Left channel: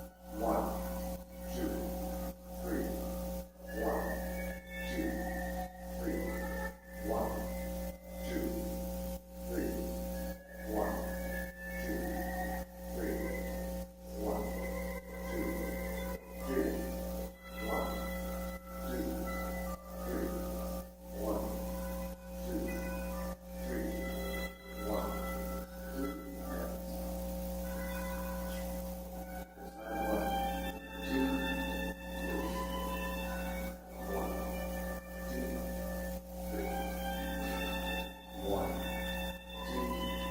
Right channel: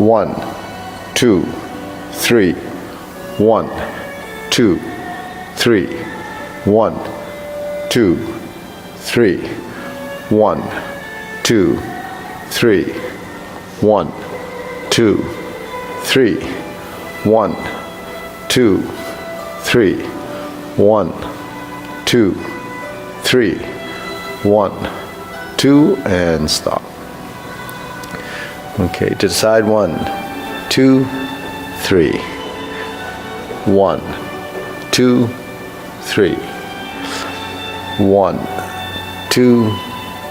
1, 2, 3, 1, 2, 3, 1, 2, 3, 1, 2, 3, 1, 2, 3, 1, 2, 3, 1, 2, 3, 1, 2, and stop. Okay, to the side, 1, 2, 3, 1, 2, 3, 1, 2,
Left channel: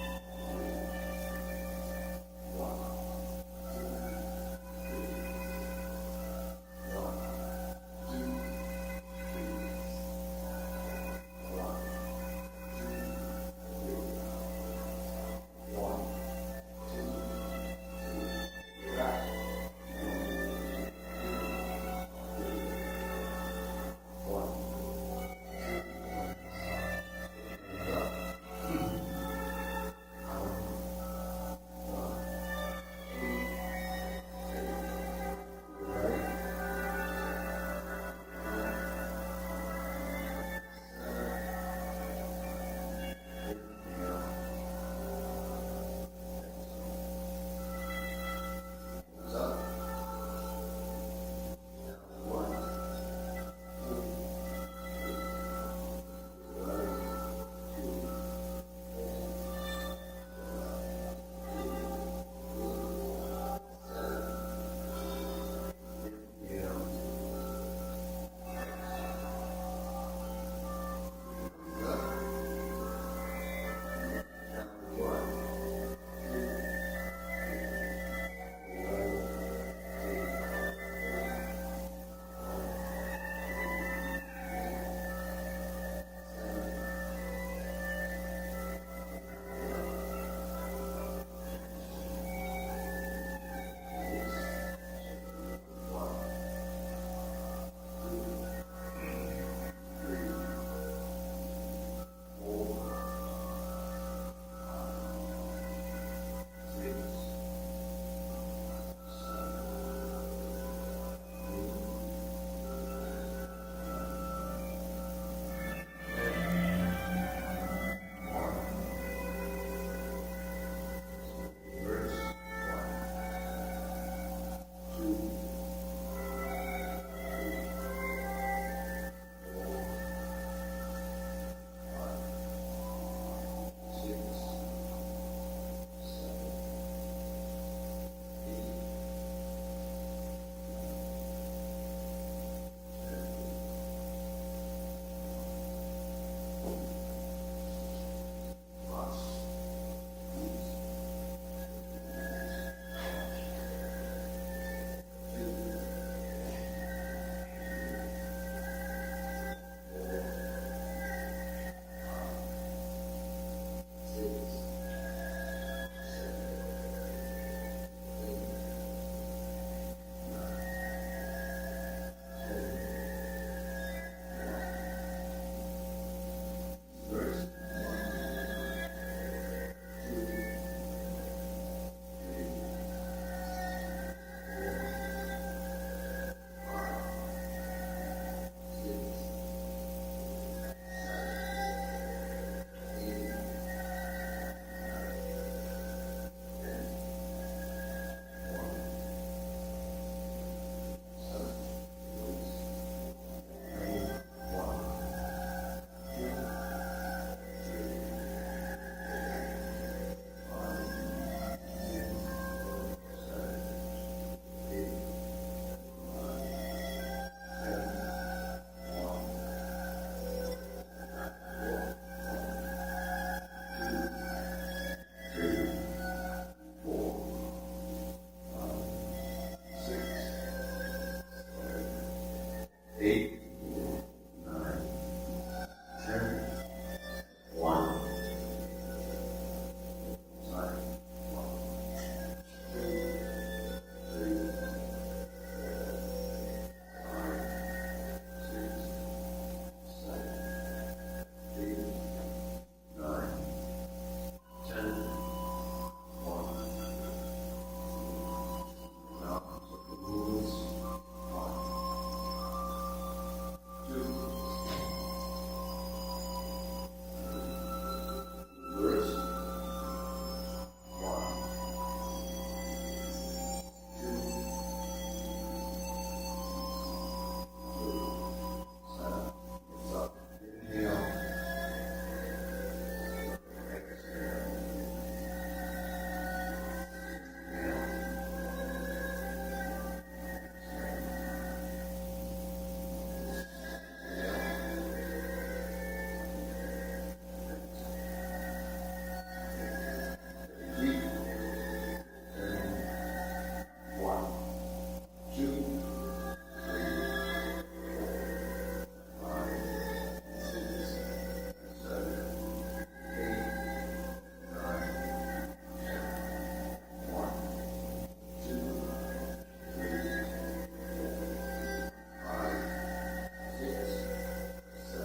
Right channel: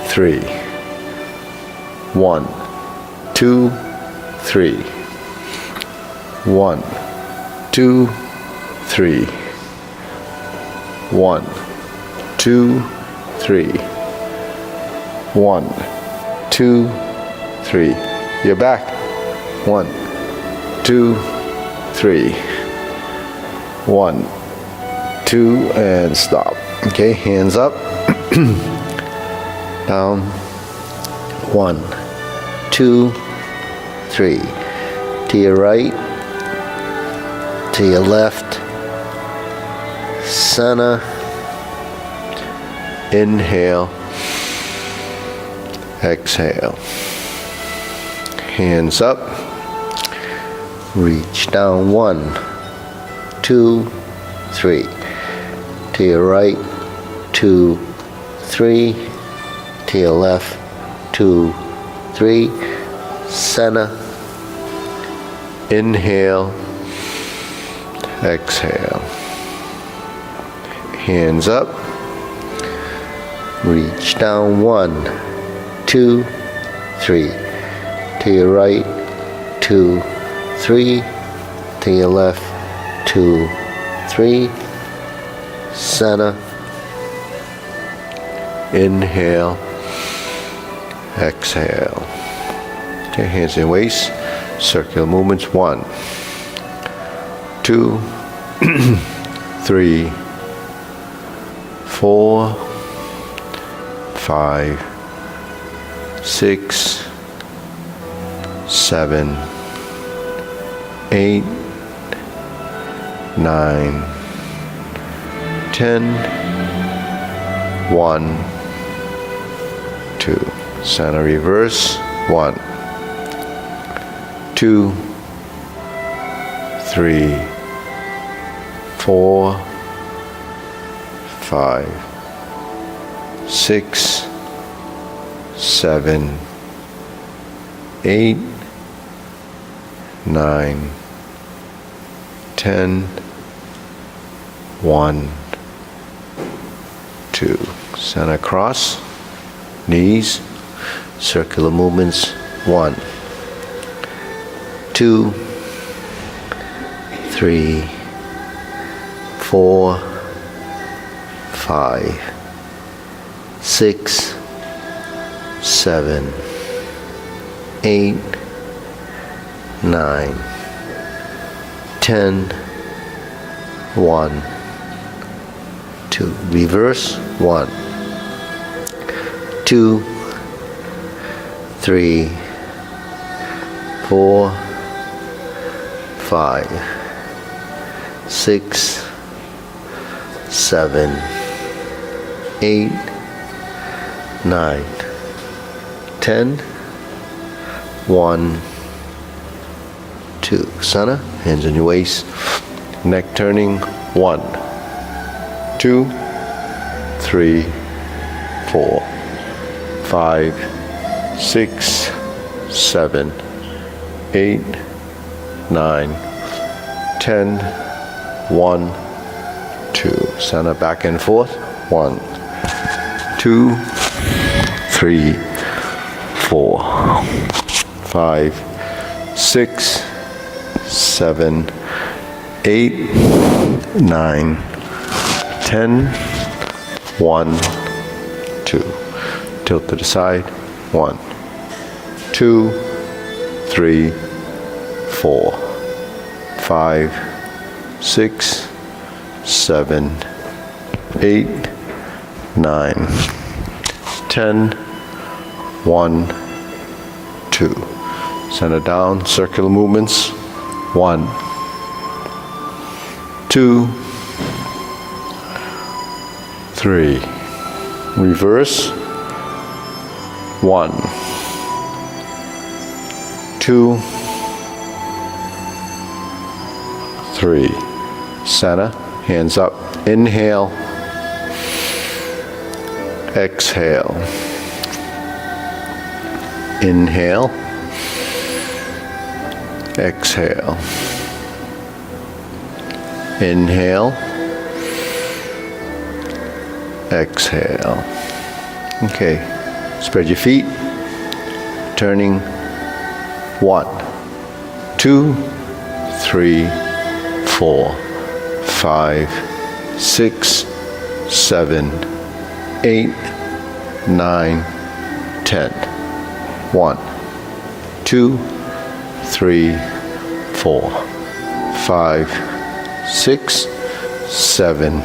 3, 1, 2, 3, 1, 2, 3, 1, 2, 3, 1, 2, 3. You're back. 1, 2, 3, 1, 2, and stop. Okay, hands up. Down. 1, 2, 3. To your right, to your left, center, inhale, exhale. Hands up, reach down. 1, 2, 3. To your right, 2, 3. To your left, 2, 3. Center, inhale, exhale. Hands up, reach down. 1, 2, 3. To your right, 2, 3. To your left, 2, 3. Center, inhale, exhale. Okay, hands in waist, circular movements. 1, 2, 3, 4, 5, 6, 7, 8, 9, 10, 1, 2. Center reverse. 1, 2, 3, 4, 5, 6, 7, 8, 9, 10, 1, 2. Center cross, knees, circular movements. 1, 2, 3, 4, 5, 6, 7, 8, 9, 10, 1, 2. Reverse. 1, 2, 3, 4, 5, 6, 7, 8, 9, 10, 1, 2. Center, hands on your waist, neck turning. 1, 2, 3, 4, 5, 6, 7, 8, 9, 10, 1, 2. Center, back and forth. 1, 2, 3, 4, 5, 6, 7, 8, 9, 10, 1, 2. Tilt to the side. 1, 2, 3, 4, 5, 6, 7, 8, 9, 10, 1, 2. Center down, circular movements. 1, 2, 3. Reverse. 1, 2, 3. Center, hands up. Inhale. Exhale. Inhale. Exhale. Inhale. Exhale. Okay. Spread your feet. Turning. 1, 2, 3, 4, 5, 6, 7, 8, 9, 10. 1, 2, 3, 4, 5, 6, 7,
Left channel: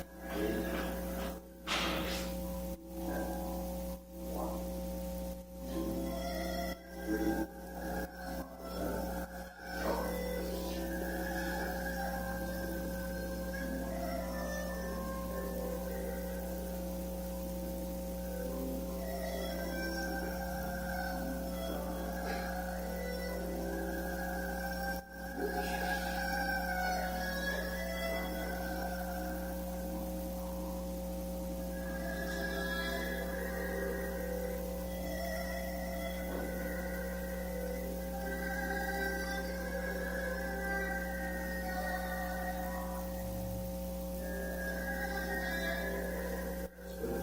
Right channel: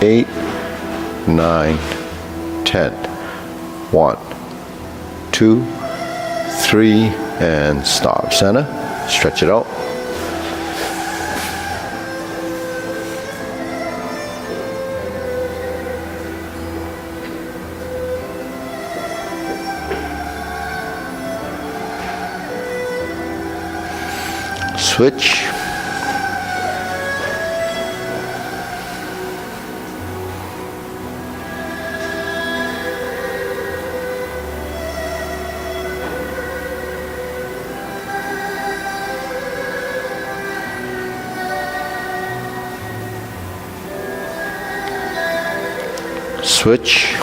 8, 9, 10. 1, 2, 3, and stop. Center. Stretch it out. Switch. Switch.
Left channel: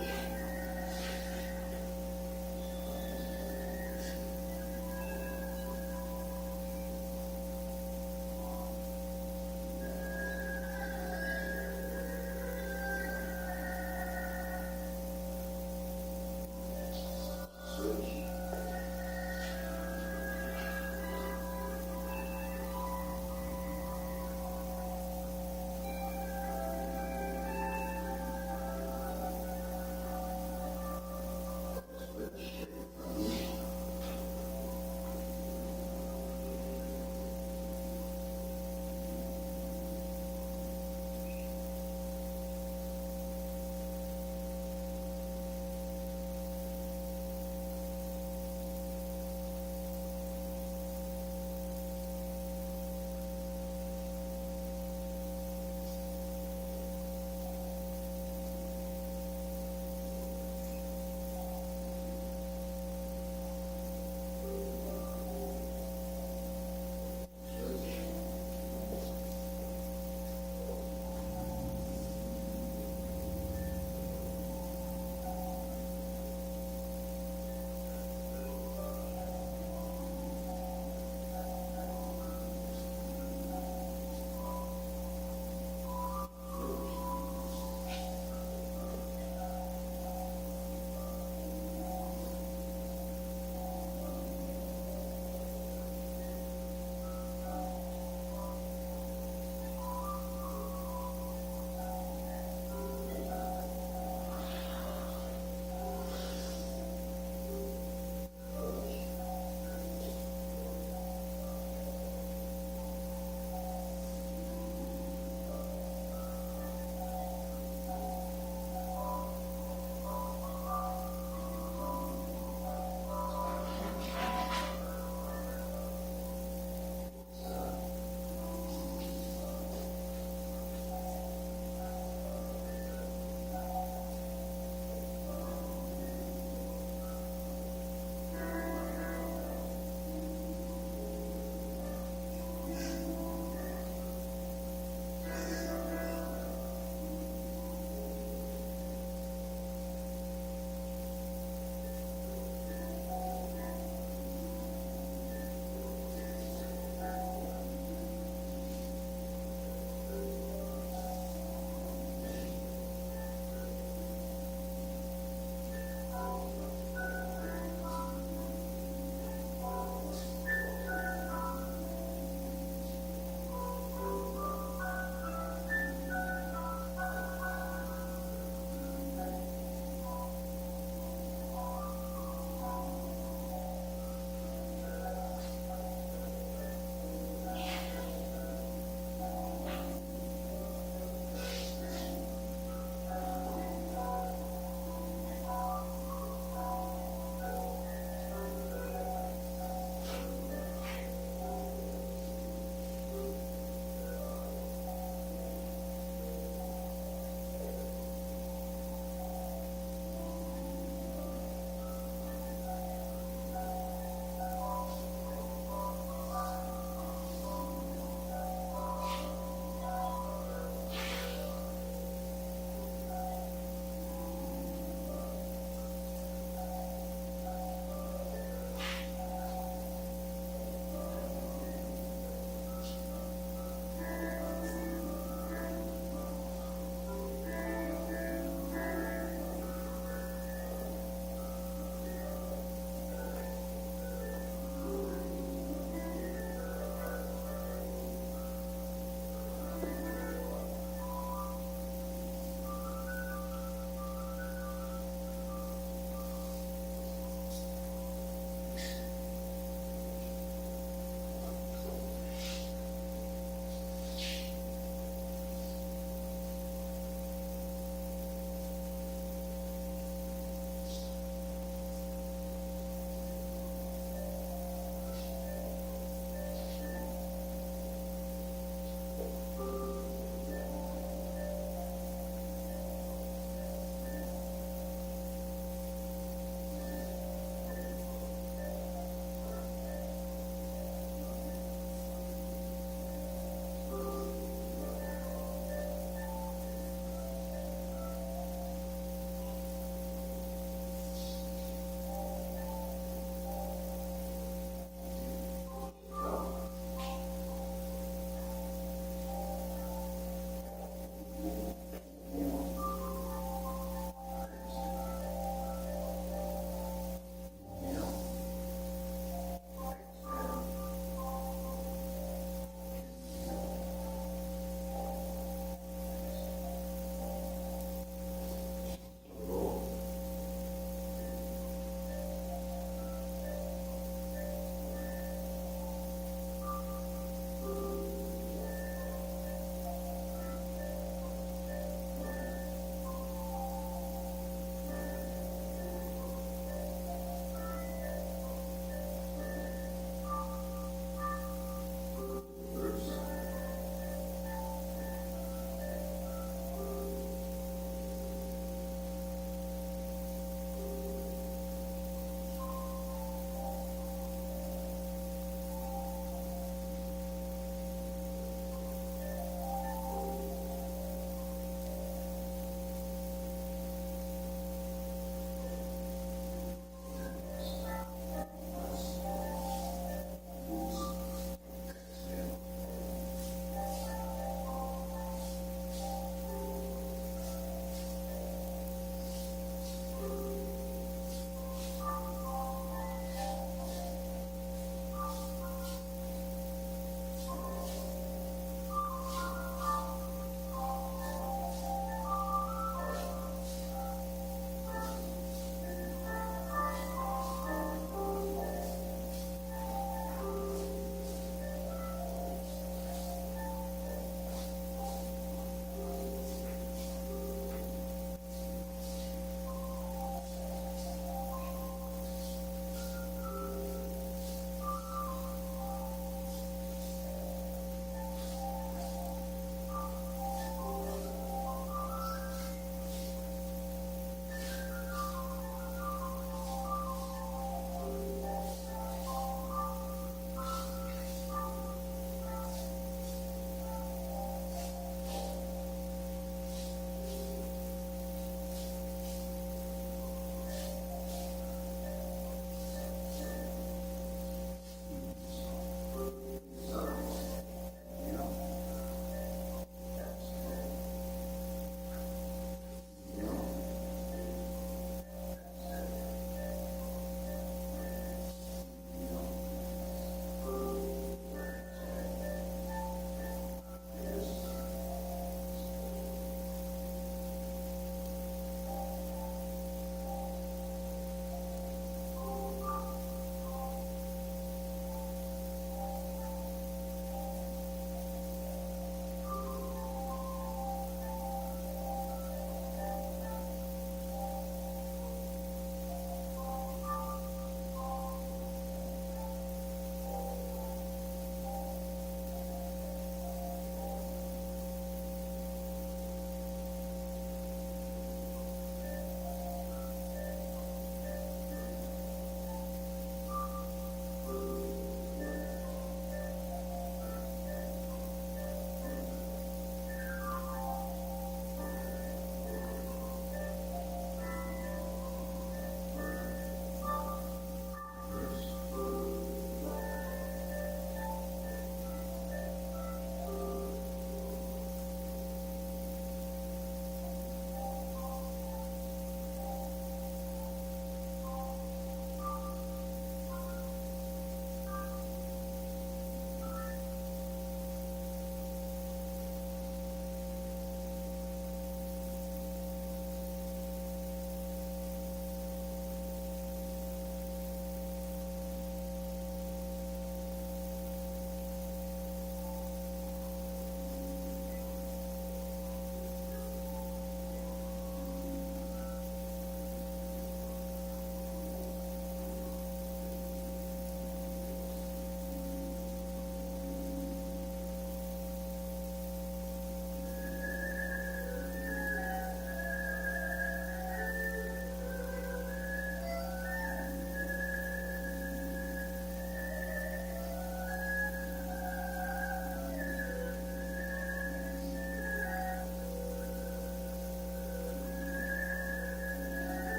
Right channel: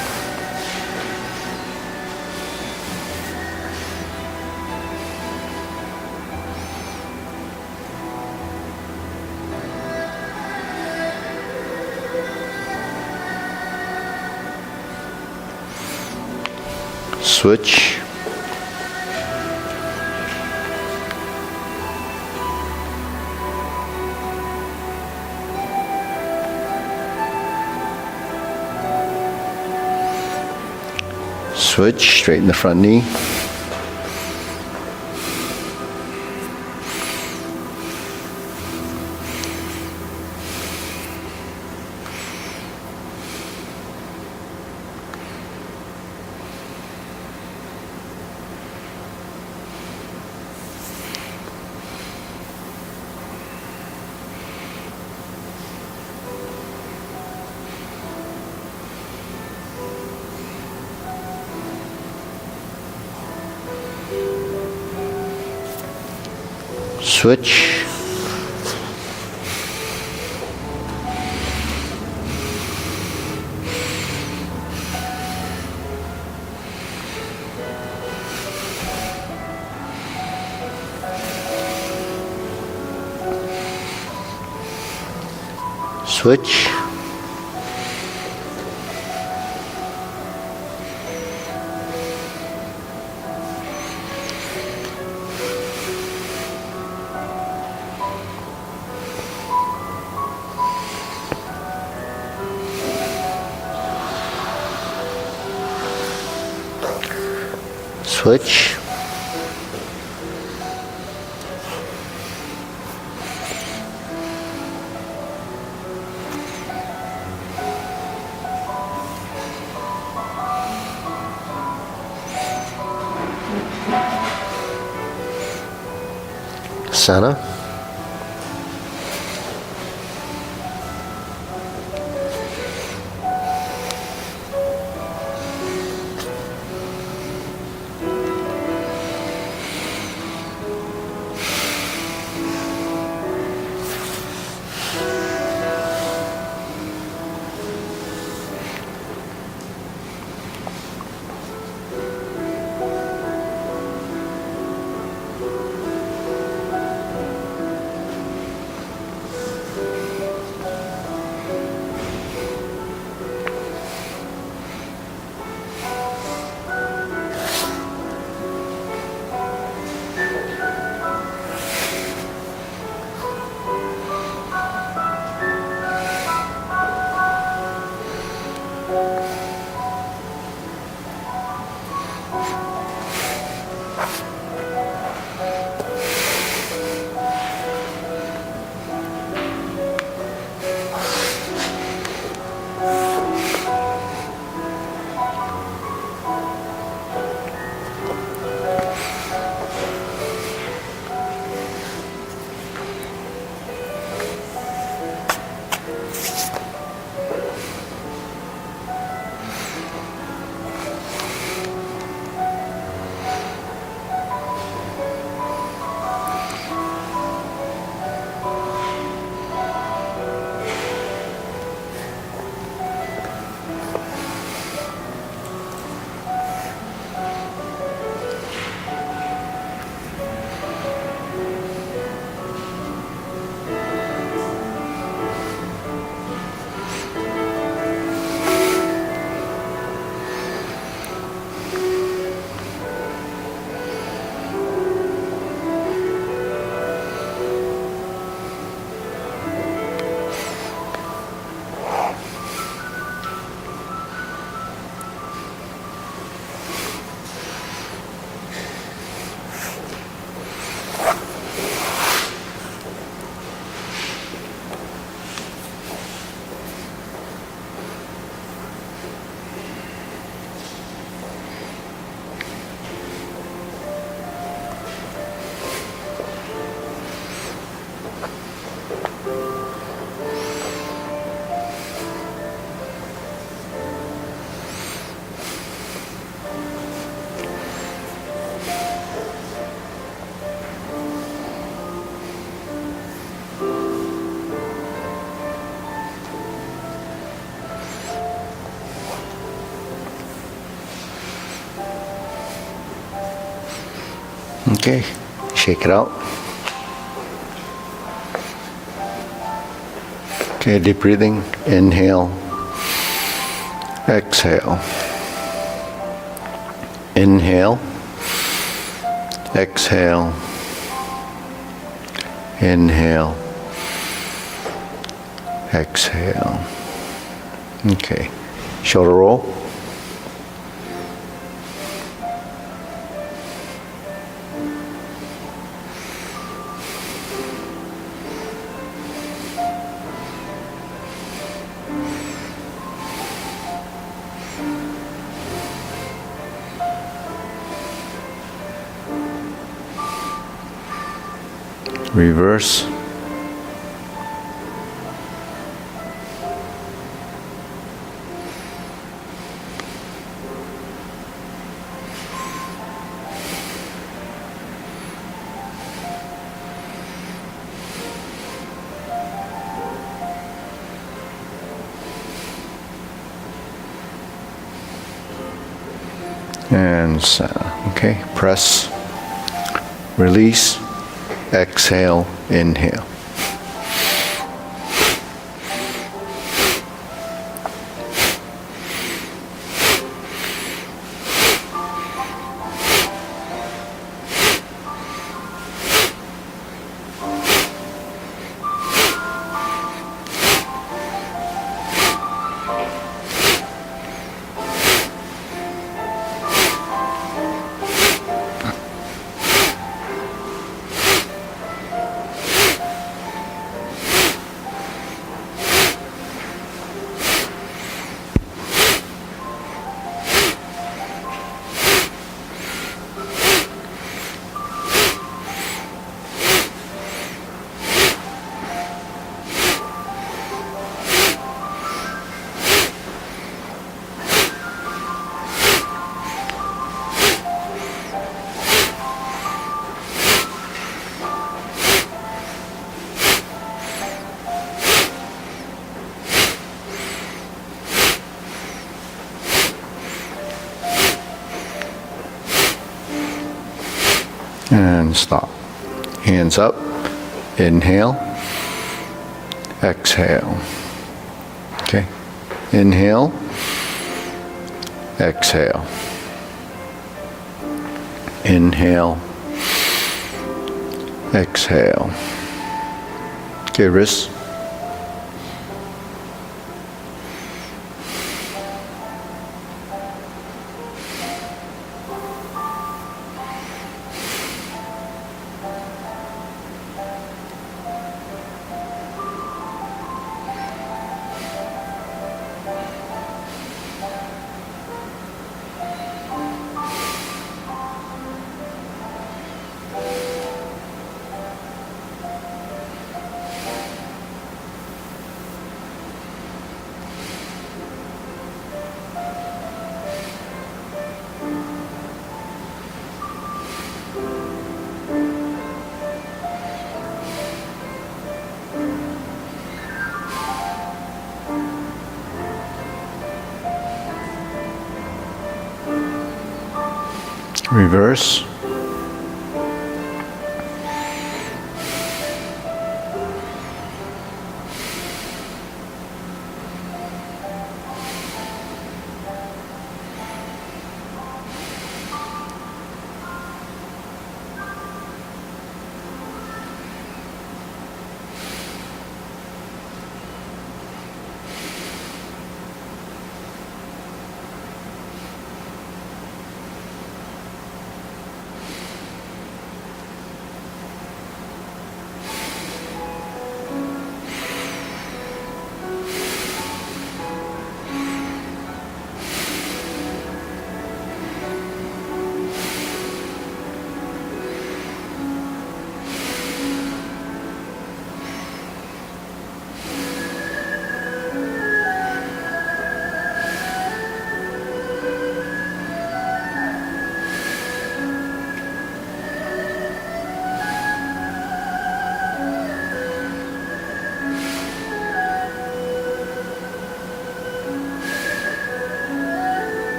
Switch. Switch, straighten the front knee. Switch. Switch. Switch. Center. Okay, shake it out. Okay, deep breathing. Inhale. Exhale. Inhale. Exhale. Inhale. Exhale. Okay, shoulder roll. Reverse. And center. Okay, press, release, exhale, inhale. And stop. Hands up. Inhale. Exhale. Okay. Inhale. Exhale. Inhale. Exhale. Okay, wrists. Reverse.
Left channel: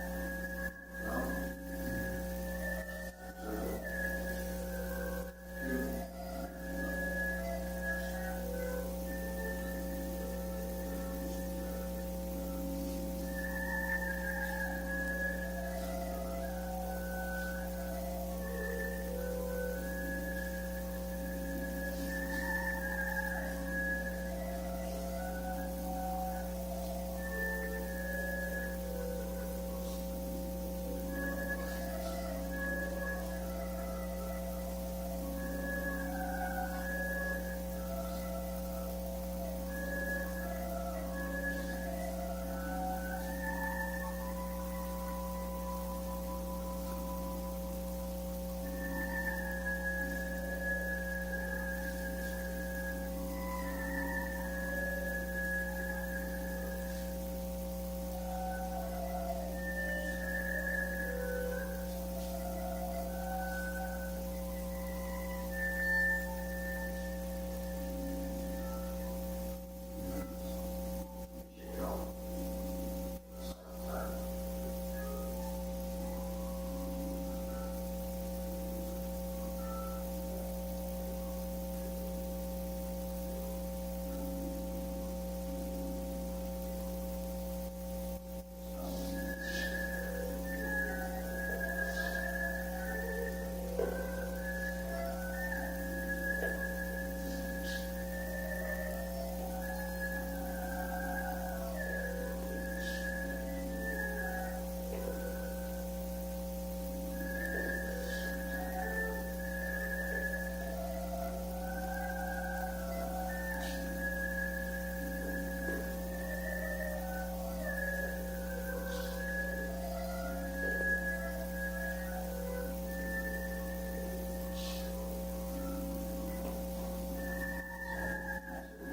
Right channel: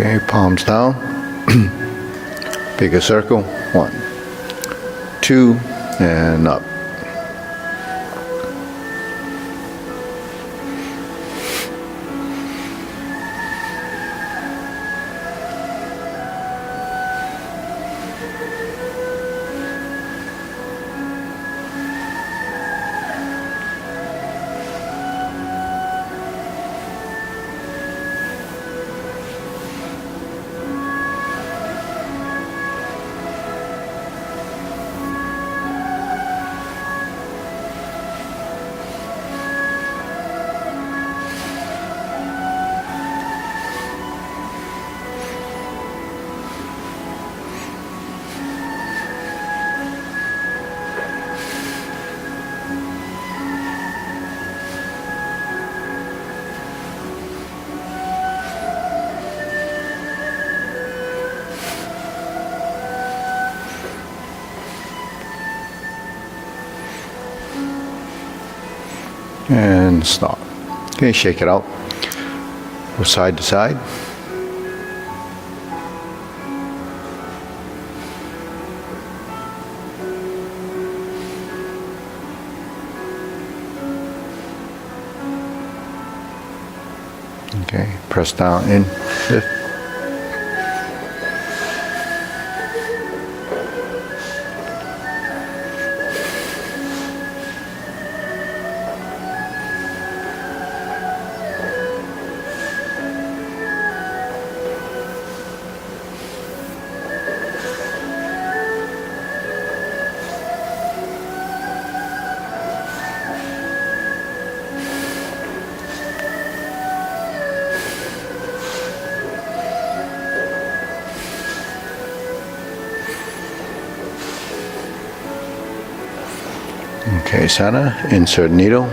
Okay, palms down. Bigger circle. 1, 2, and up. And stop. Okay, shake it out. Go side to side. Okay, press down in, lift. Okay, center, insert needle.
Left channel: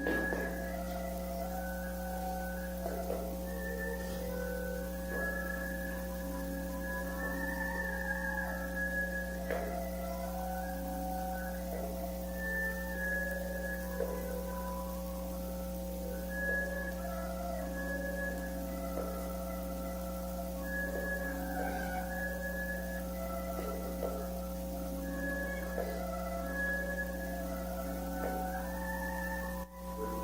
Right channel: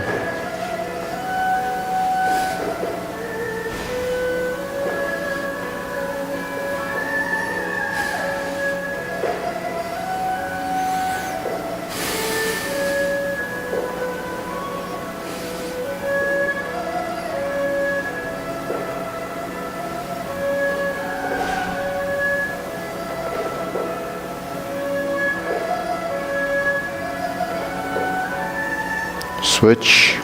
Switch.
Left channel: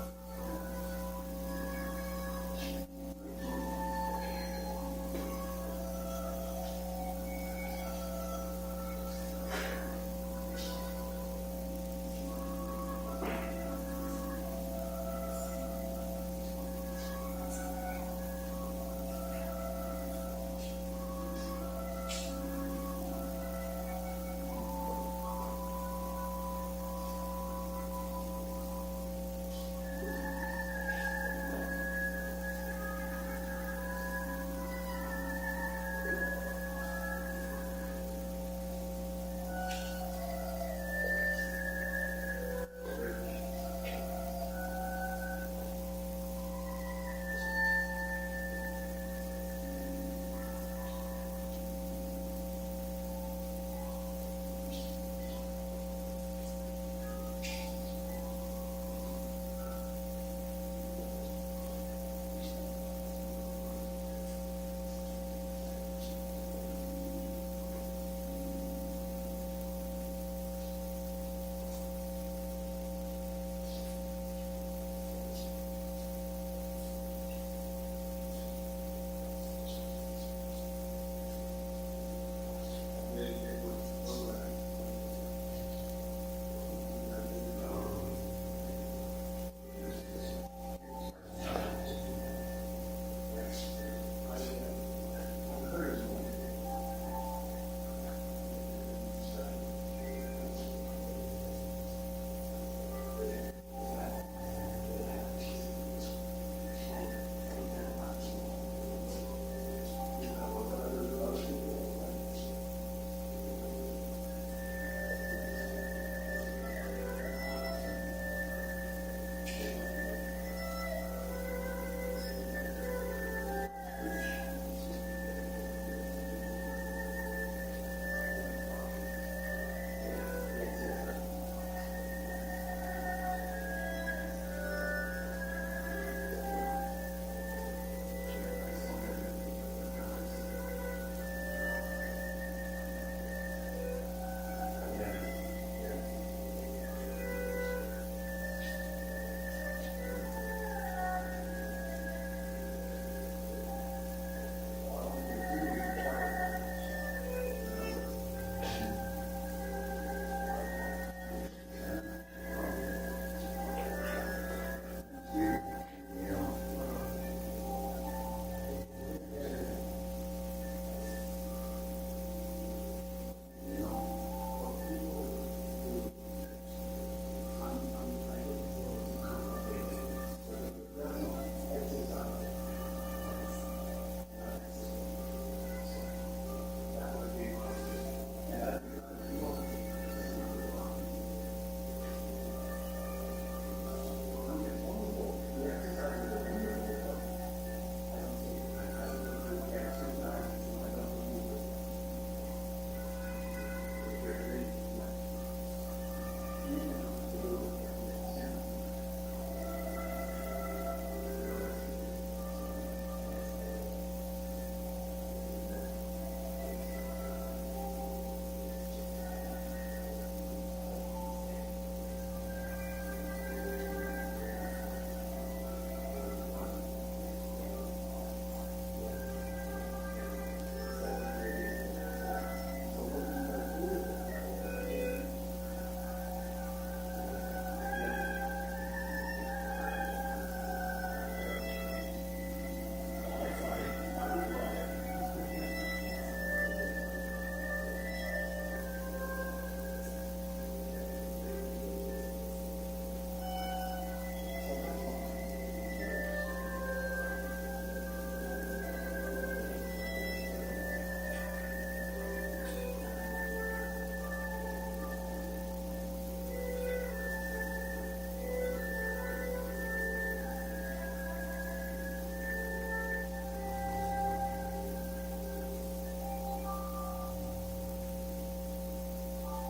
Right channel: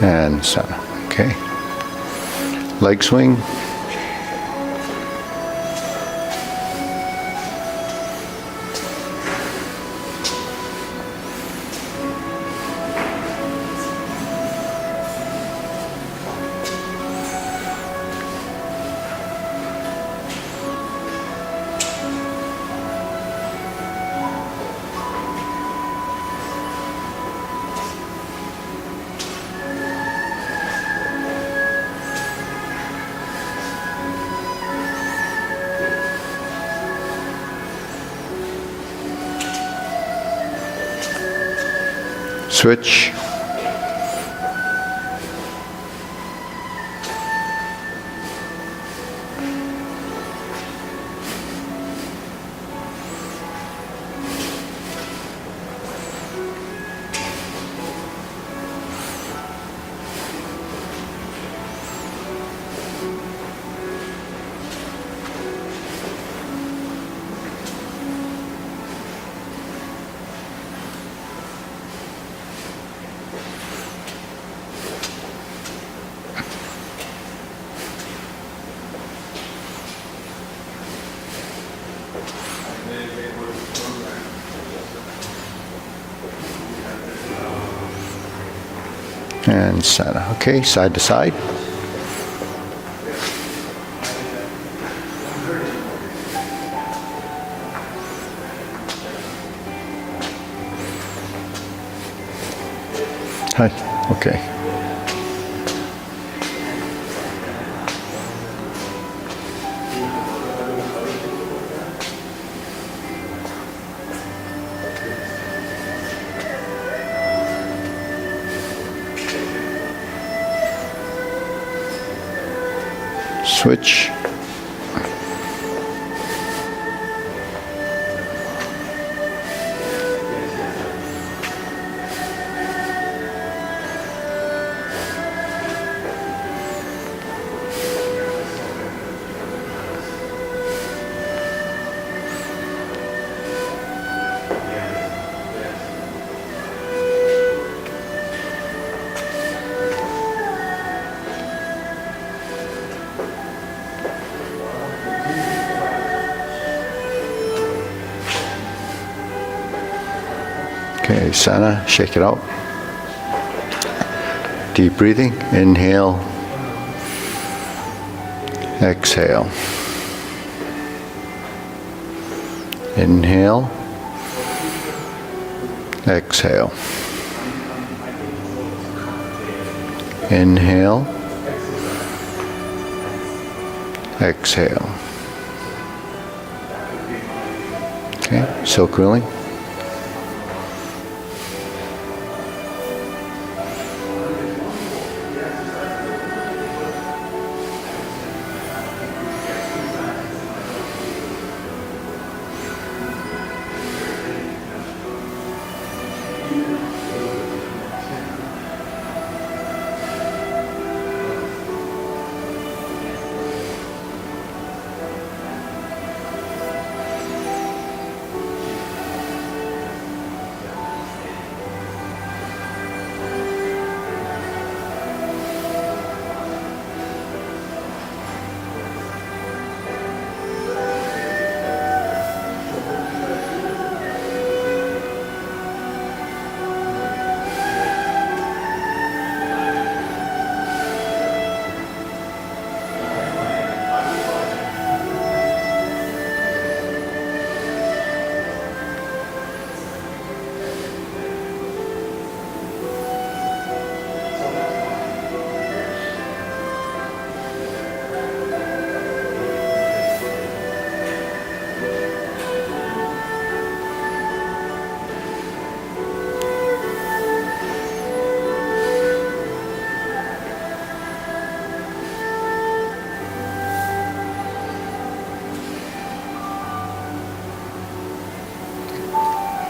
And center. Okay. Leg swing. Switch. And center. Okay, side to side. Hi. Okay. Switch. Okay, center, shake it out. Deep breathing, inhale, exhale. Inhale, exhale. Inhale, exhale. Okay, silk rolling.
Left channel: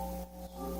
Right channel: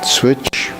Switch.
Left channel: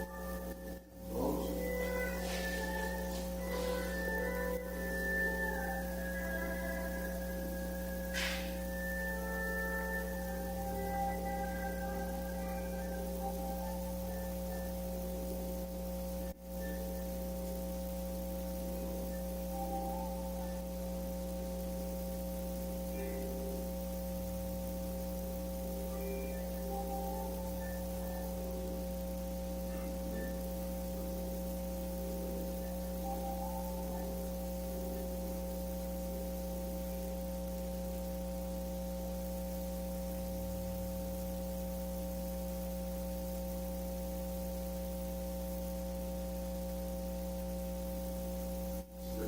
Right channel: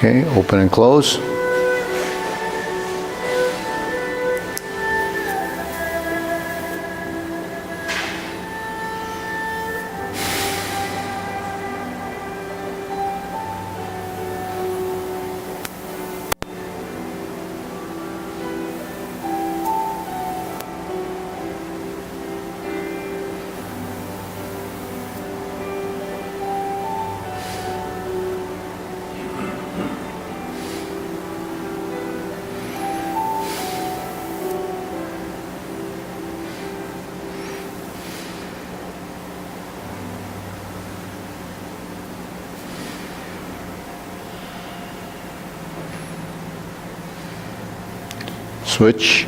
Okay, open and close. Switch.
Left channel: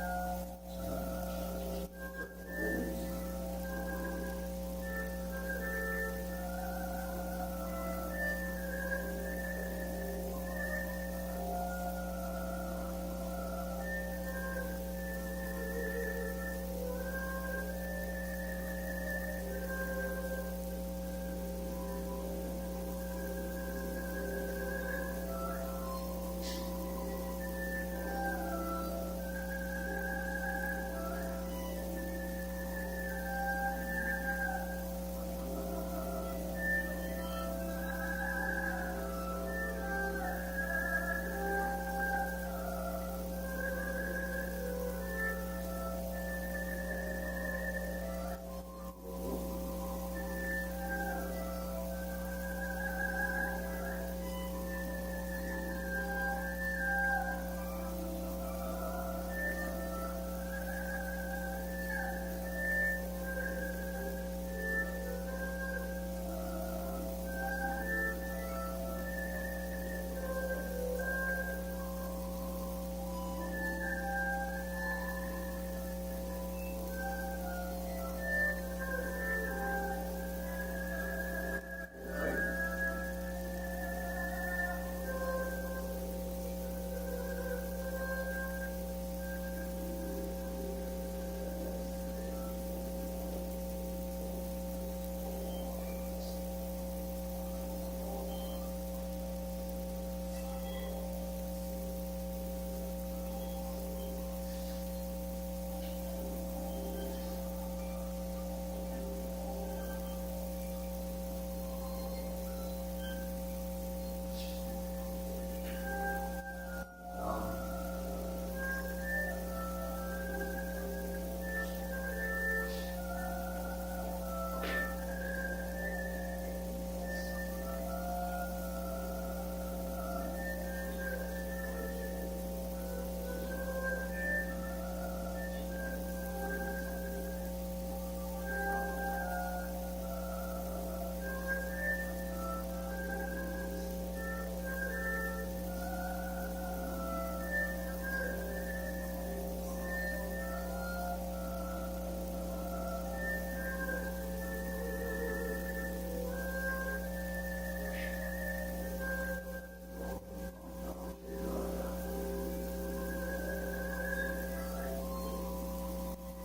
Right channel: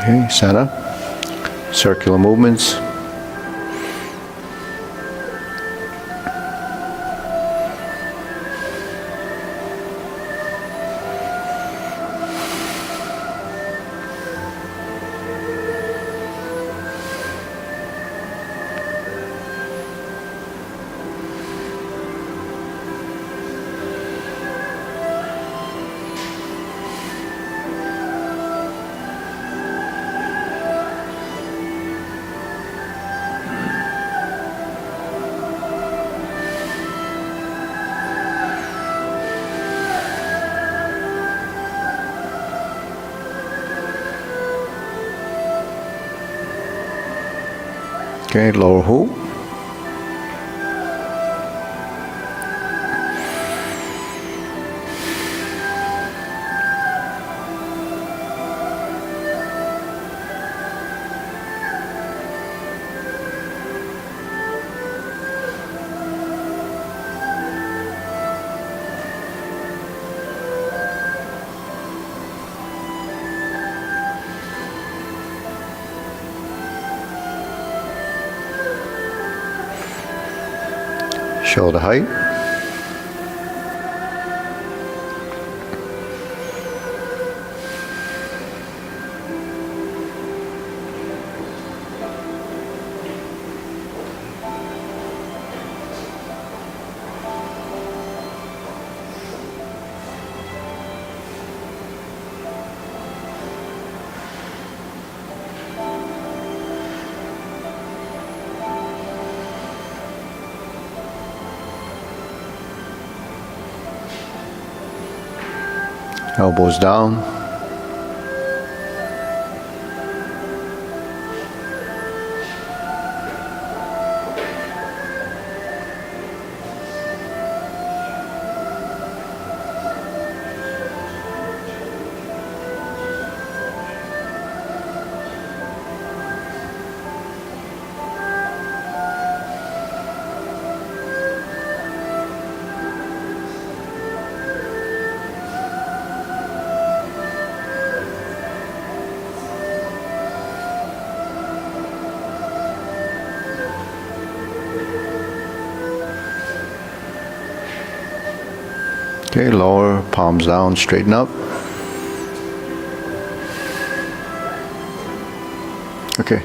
Okay, center, circular movements. Okay, lower hook. Shoulder height. Elbows down. Okay, lower, palms down, straighten up. Okay.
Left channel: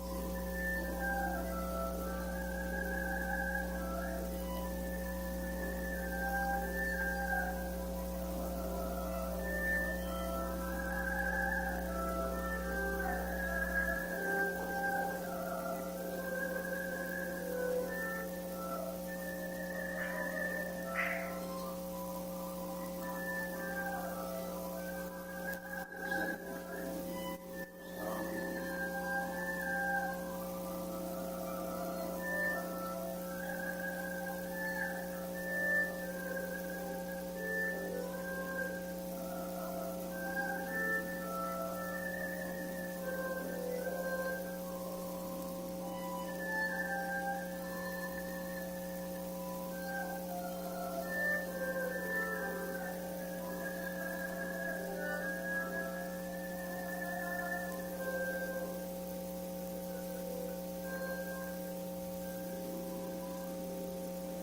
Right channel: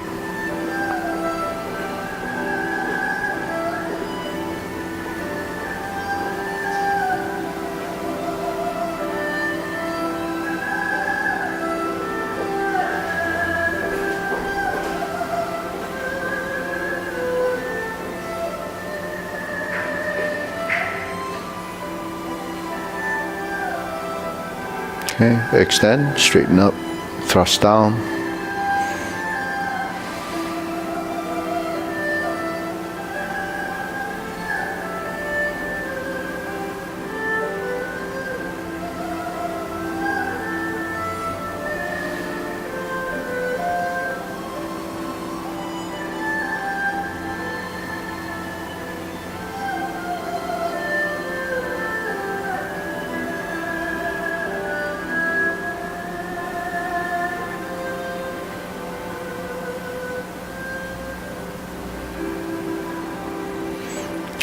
Okay, extend, straighten up, thrust down.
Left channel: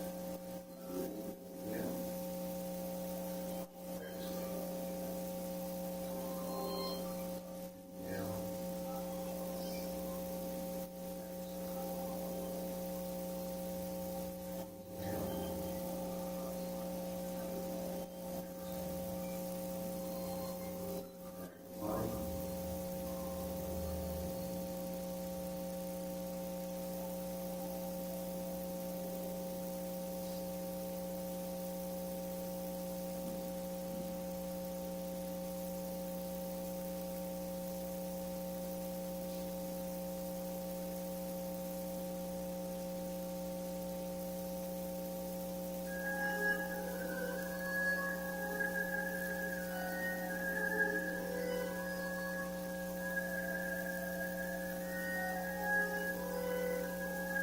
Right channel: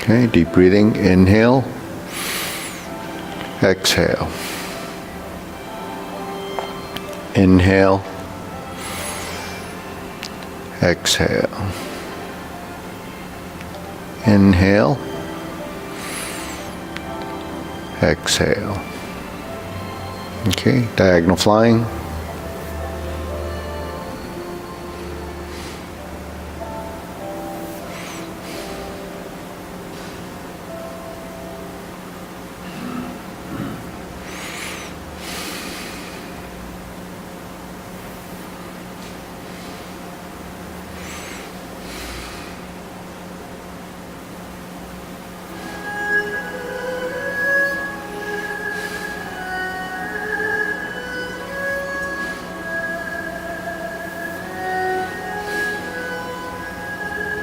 Okay, deep breathing, inhale, exhale. Inhale, exhale. Inhale. Exhale. Okay, diagonal flying.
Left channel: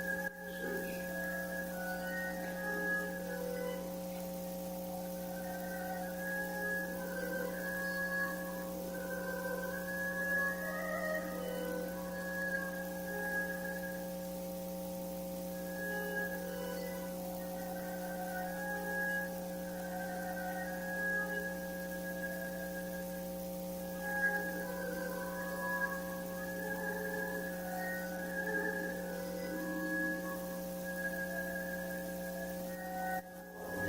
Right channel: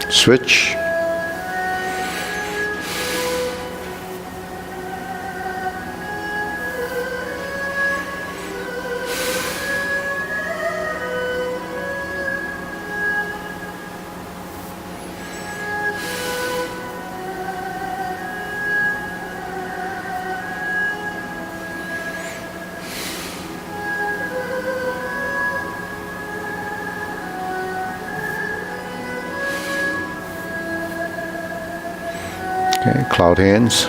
Switch. Okay, cloud hands.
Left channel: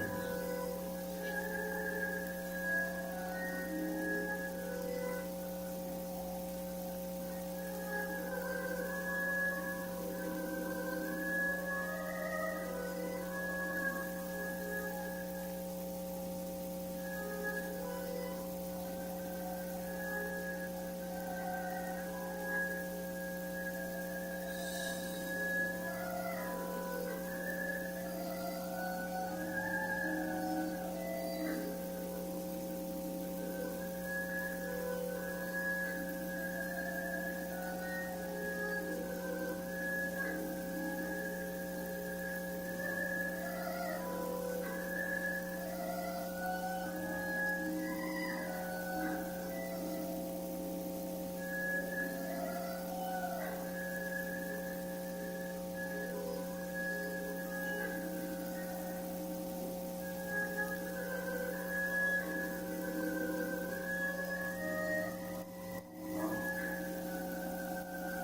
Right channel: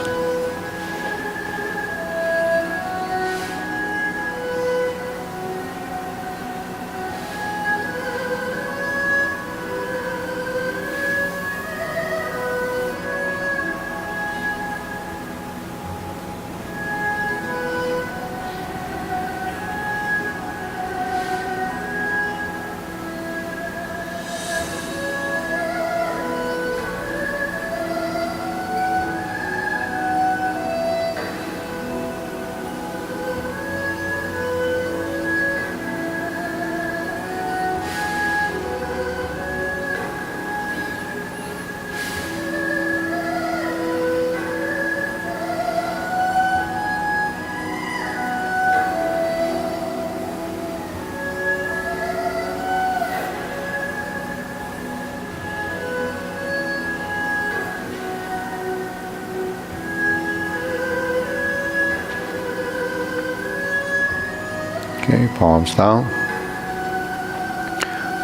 Okay, palms down.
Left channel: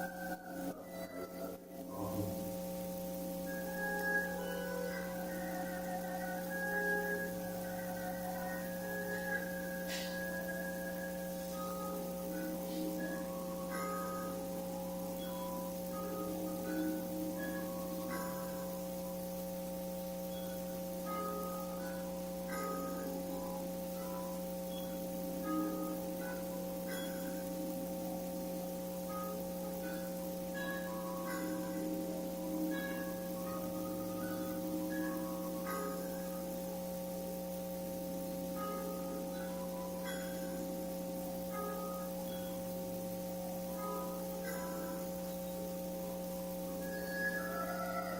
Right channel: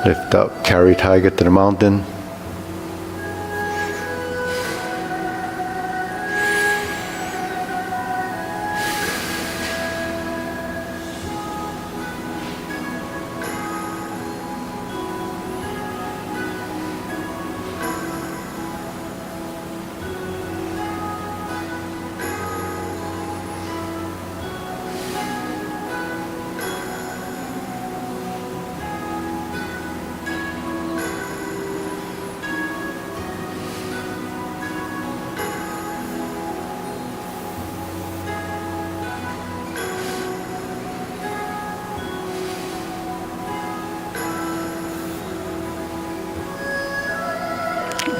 Lift up, carry tiger to the mountain.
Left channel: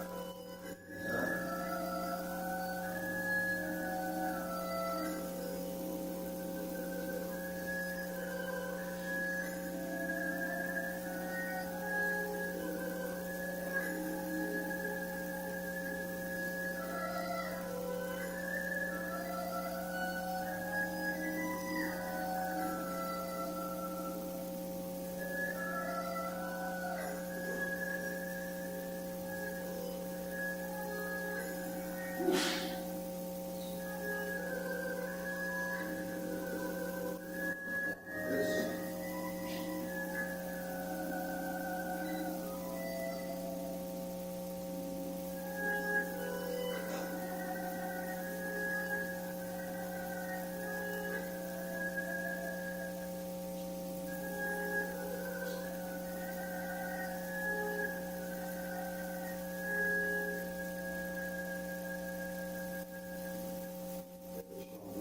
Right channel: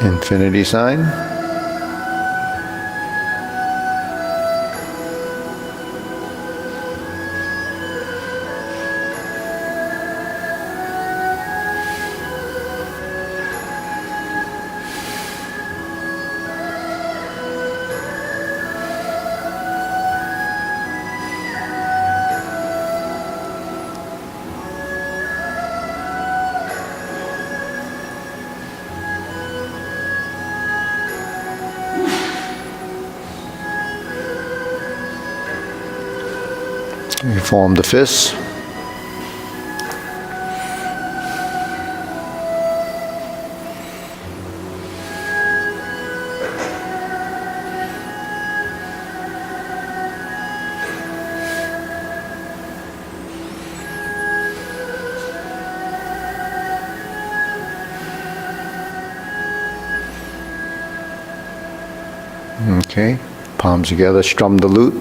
Infinity sign. You form the fists. Okay, palms together, strum the lute.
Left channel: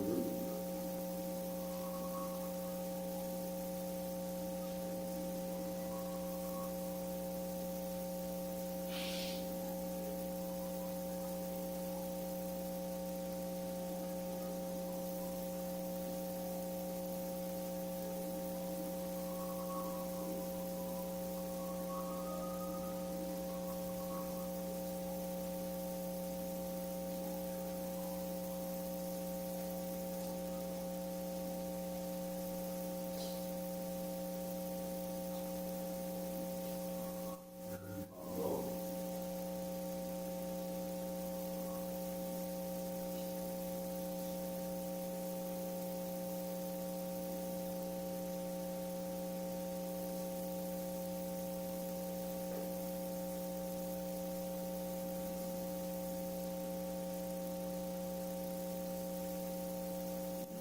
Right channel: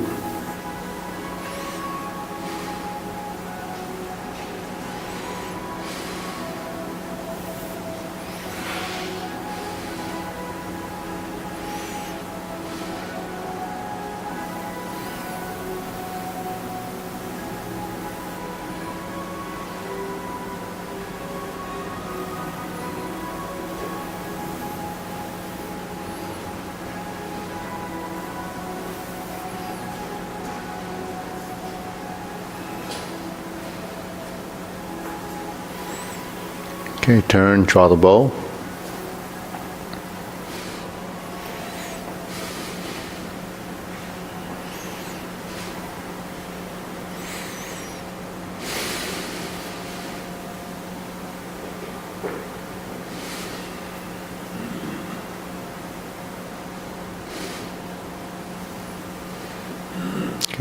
Okay, turn, draw the bow.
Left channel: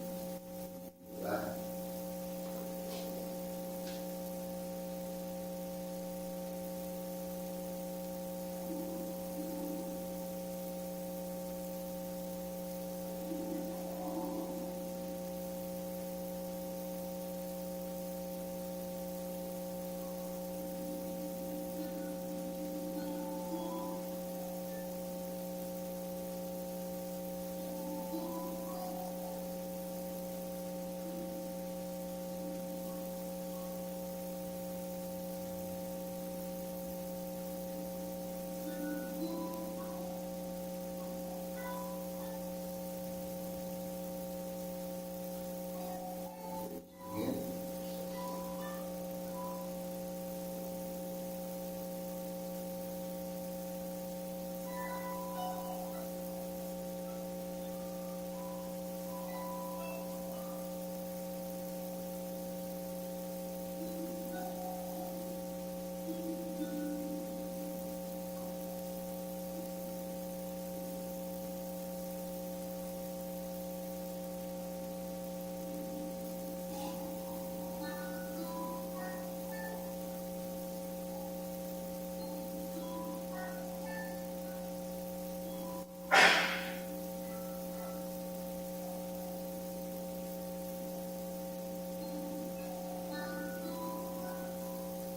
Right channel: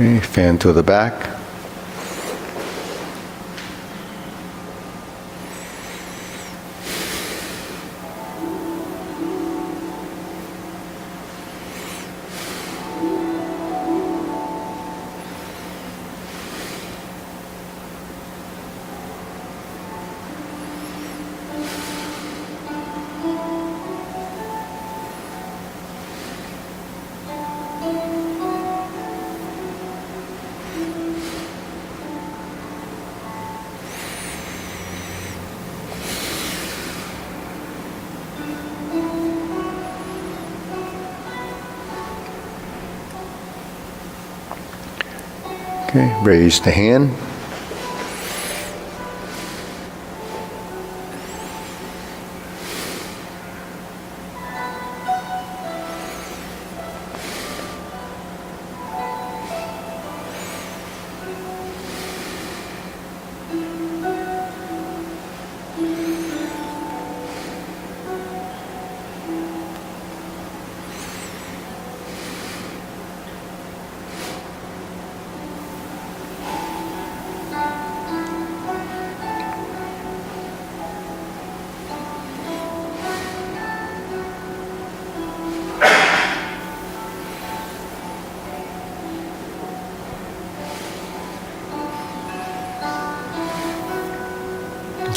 Okay, fan to the back. Okay, raise the hand.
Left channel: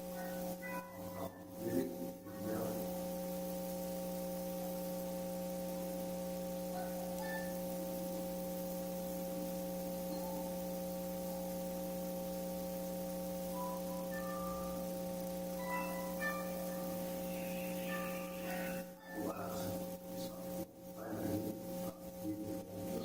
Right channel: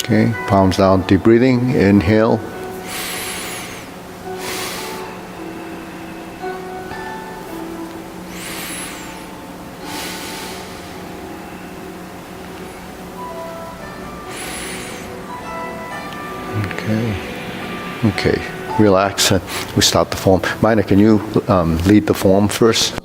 Okay, palms down, deep breathing, inhale. Okay, relax. We start the form. Mina, can you lead the form first?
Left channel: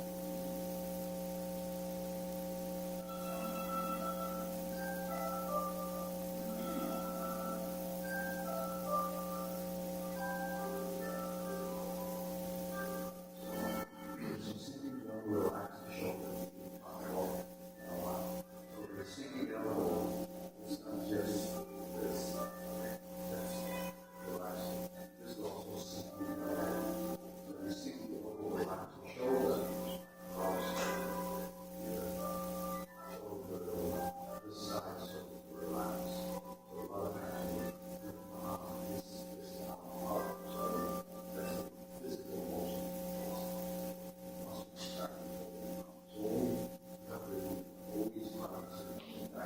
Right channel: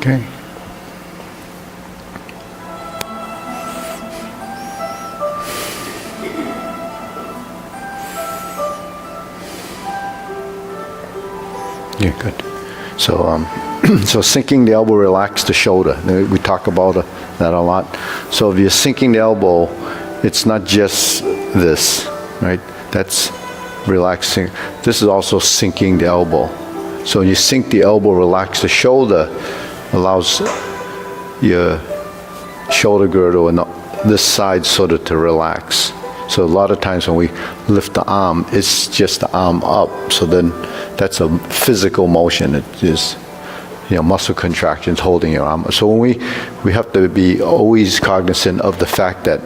Okay. Yeah, good. So, so sinking the elbow, relax the shoulder. We talk about that a lot. So if you're sinking the elbow, it's not just this, right? That's relaxing. This is also sinking the elbow. So when you sink the elbow, relax the shoulder, allows your shoulder girdle and this side sort of to relax. So a lot of times when we lift the arm, it's just the arm up. So then that's a physical motion. It is, muscle contractions holding your arm. So when we have to be always cognizant of the fact that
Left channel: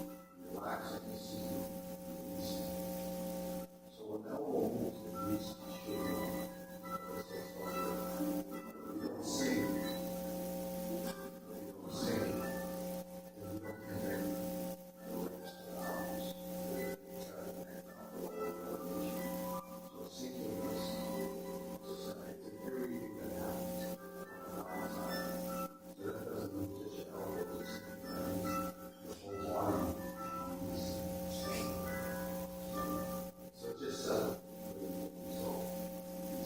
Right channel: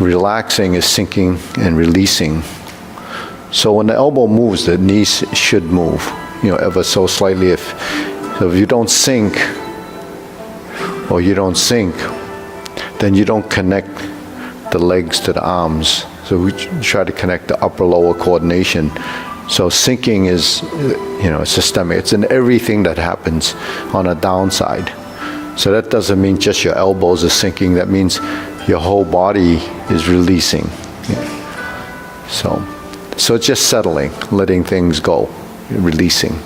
relaxing is sinking and releasing. So when the elbow moves, the knees should move, ever so slightly. So if you don't sink, or you don't sink, then you don't connect the legs to the arms. So we try to connect the upper-lower coordination. So sinking is, systemic. It's in everything that happens on a downside. So that doesn't mean just your elbows are sinking. That means your whole body is releasing. So it's just settling, letting things go, releasing.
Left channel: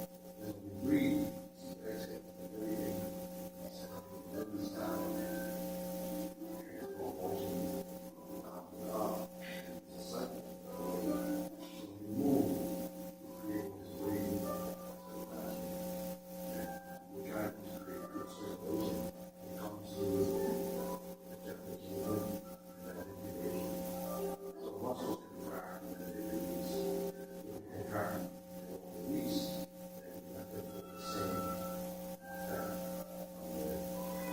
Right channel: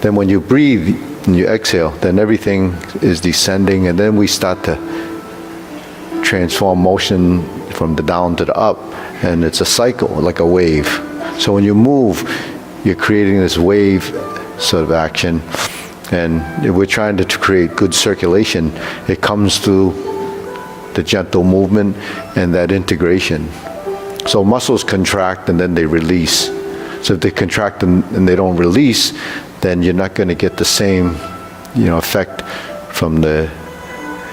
Then when you breathe and you exhale, then everything is descending, and then we start to transform motion from the down to the up, and it's a cycle, like a wave. So when you move, you're creating this wave sort of action, and if we're trying to create good circulation, it comes through the gentle movement and that integration. So muscles contract and then they release. So if they contract and they don't release, then you're not going to get the same, effect from the,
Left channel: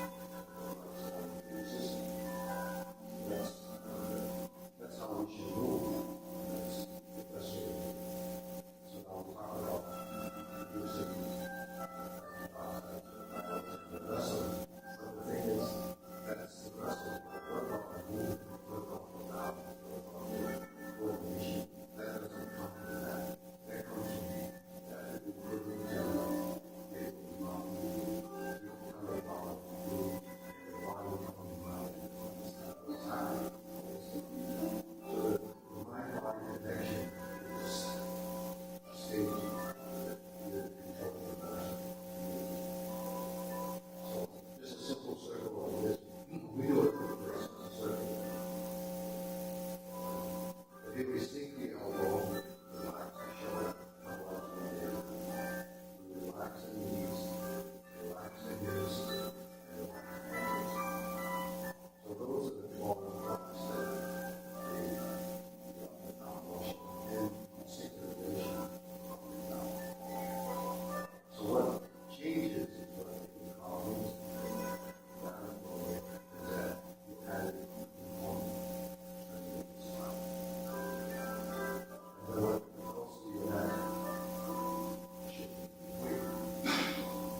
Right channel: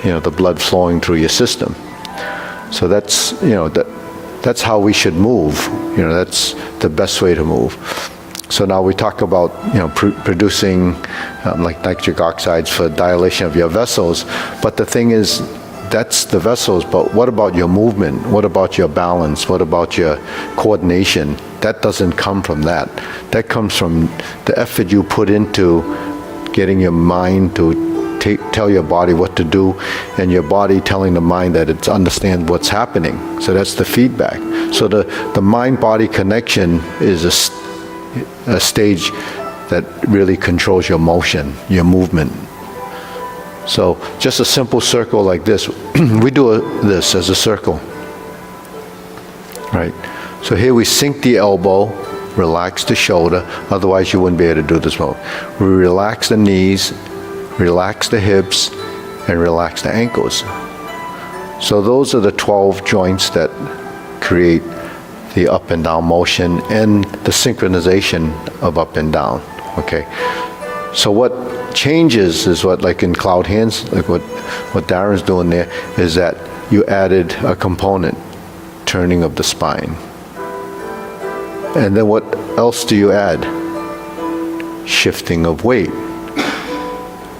the blood flowing through your system. So that's, that's how we should move. That's the best way to move. So now we talk about, producing like nitric oxides for dilation of your vessels. But the thing is, that's the vessels, but what about your movement? What about your balance? What about your coordination? That doesn't come from that. That comes from the effort you put into getting your mind to tell your body what to do, and your body telling the mind that it understands what's happening. So that's the feedback. So the mind-body connection is a stage that really controls your motion, your movement. So just a simple circle like this, we do this as a circle, right? So here we sink the elbow, relax the shoulder, otherwise you wouldn't be able to do this move. We relax the knees, relax the hips, and relax the ankles. So those are the 12 joints that create the up and down motion and the synchronization of up and down, okay? So what changes is what, like in cloud hands, like what Darren's doing there, is that you added a component, turning of the spine. And then what else do you add? Shifting of weight.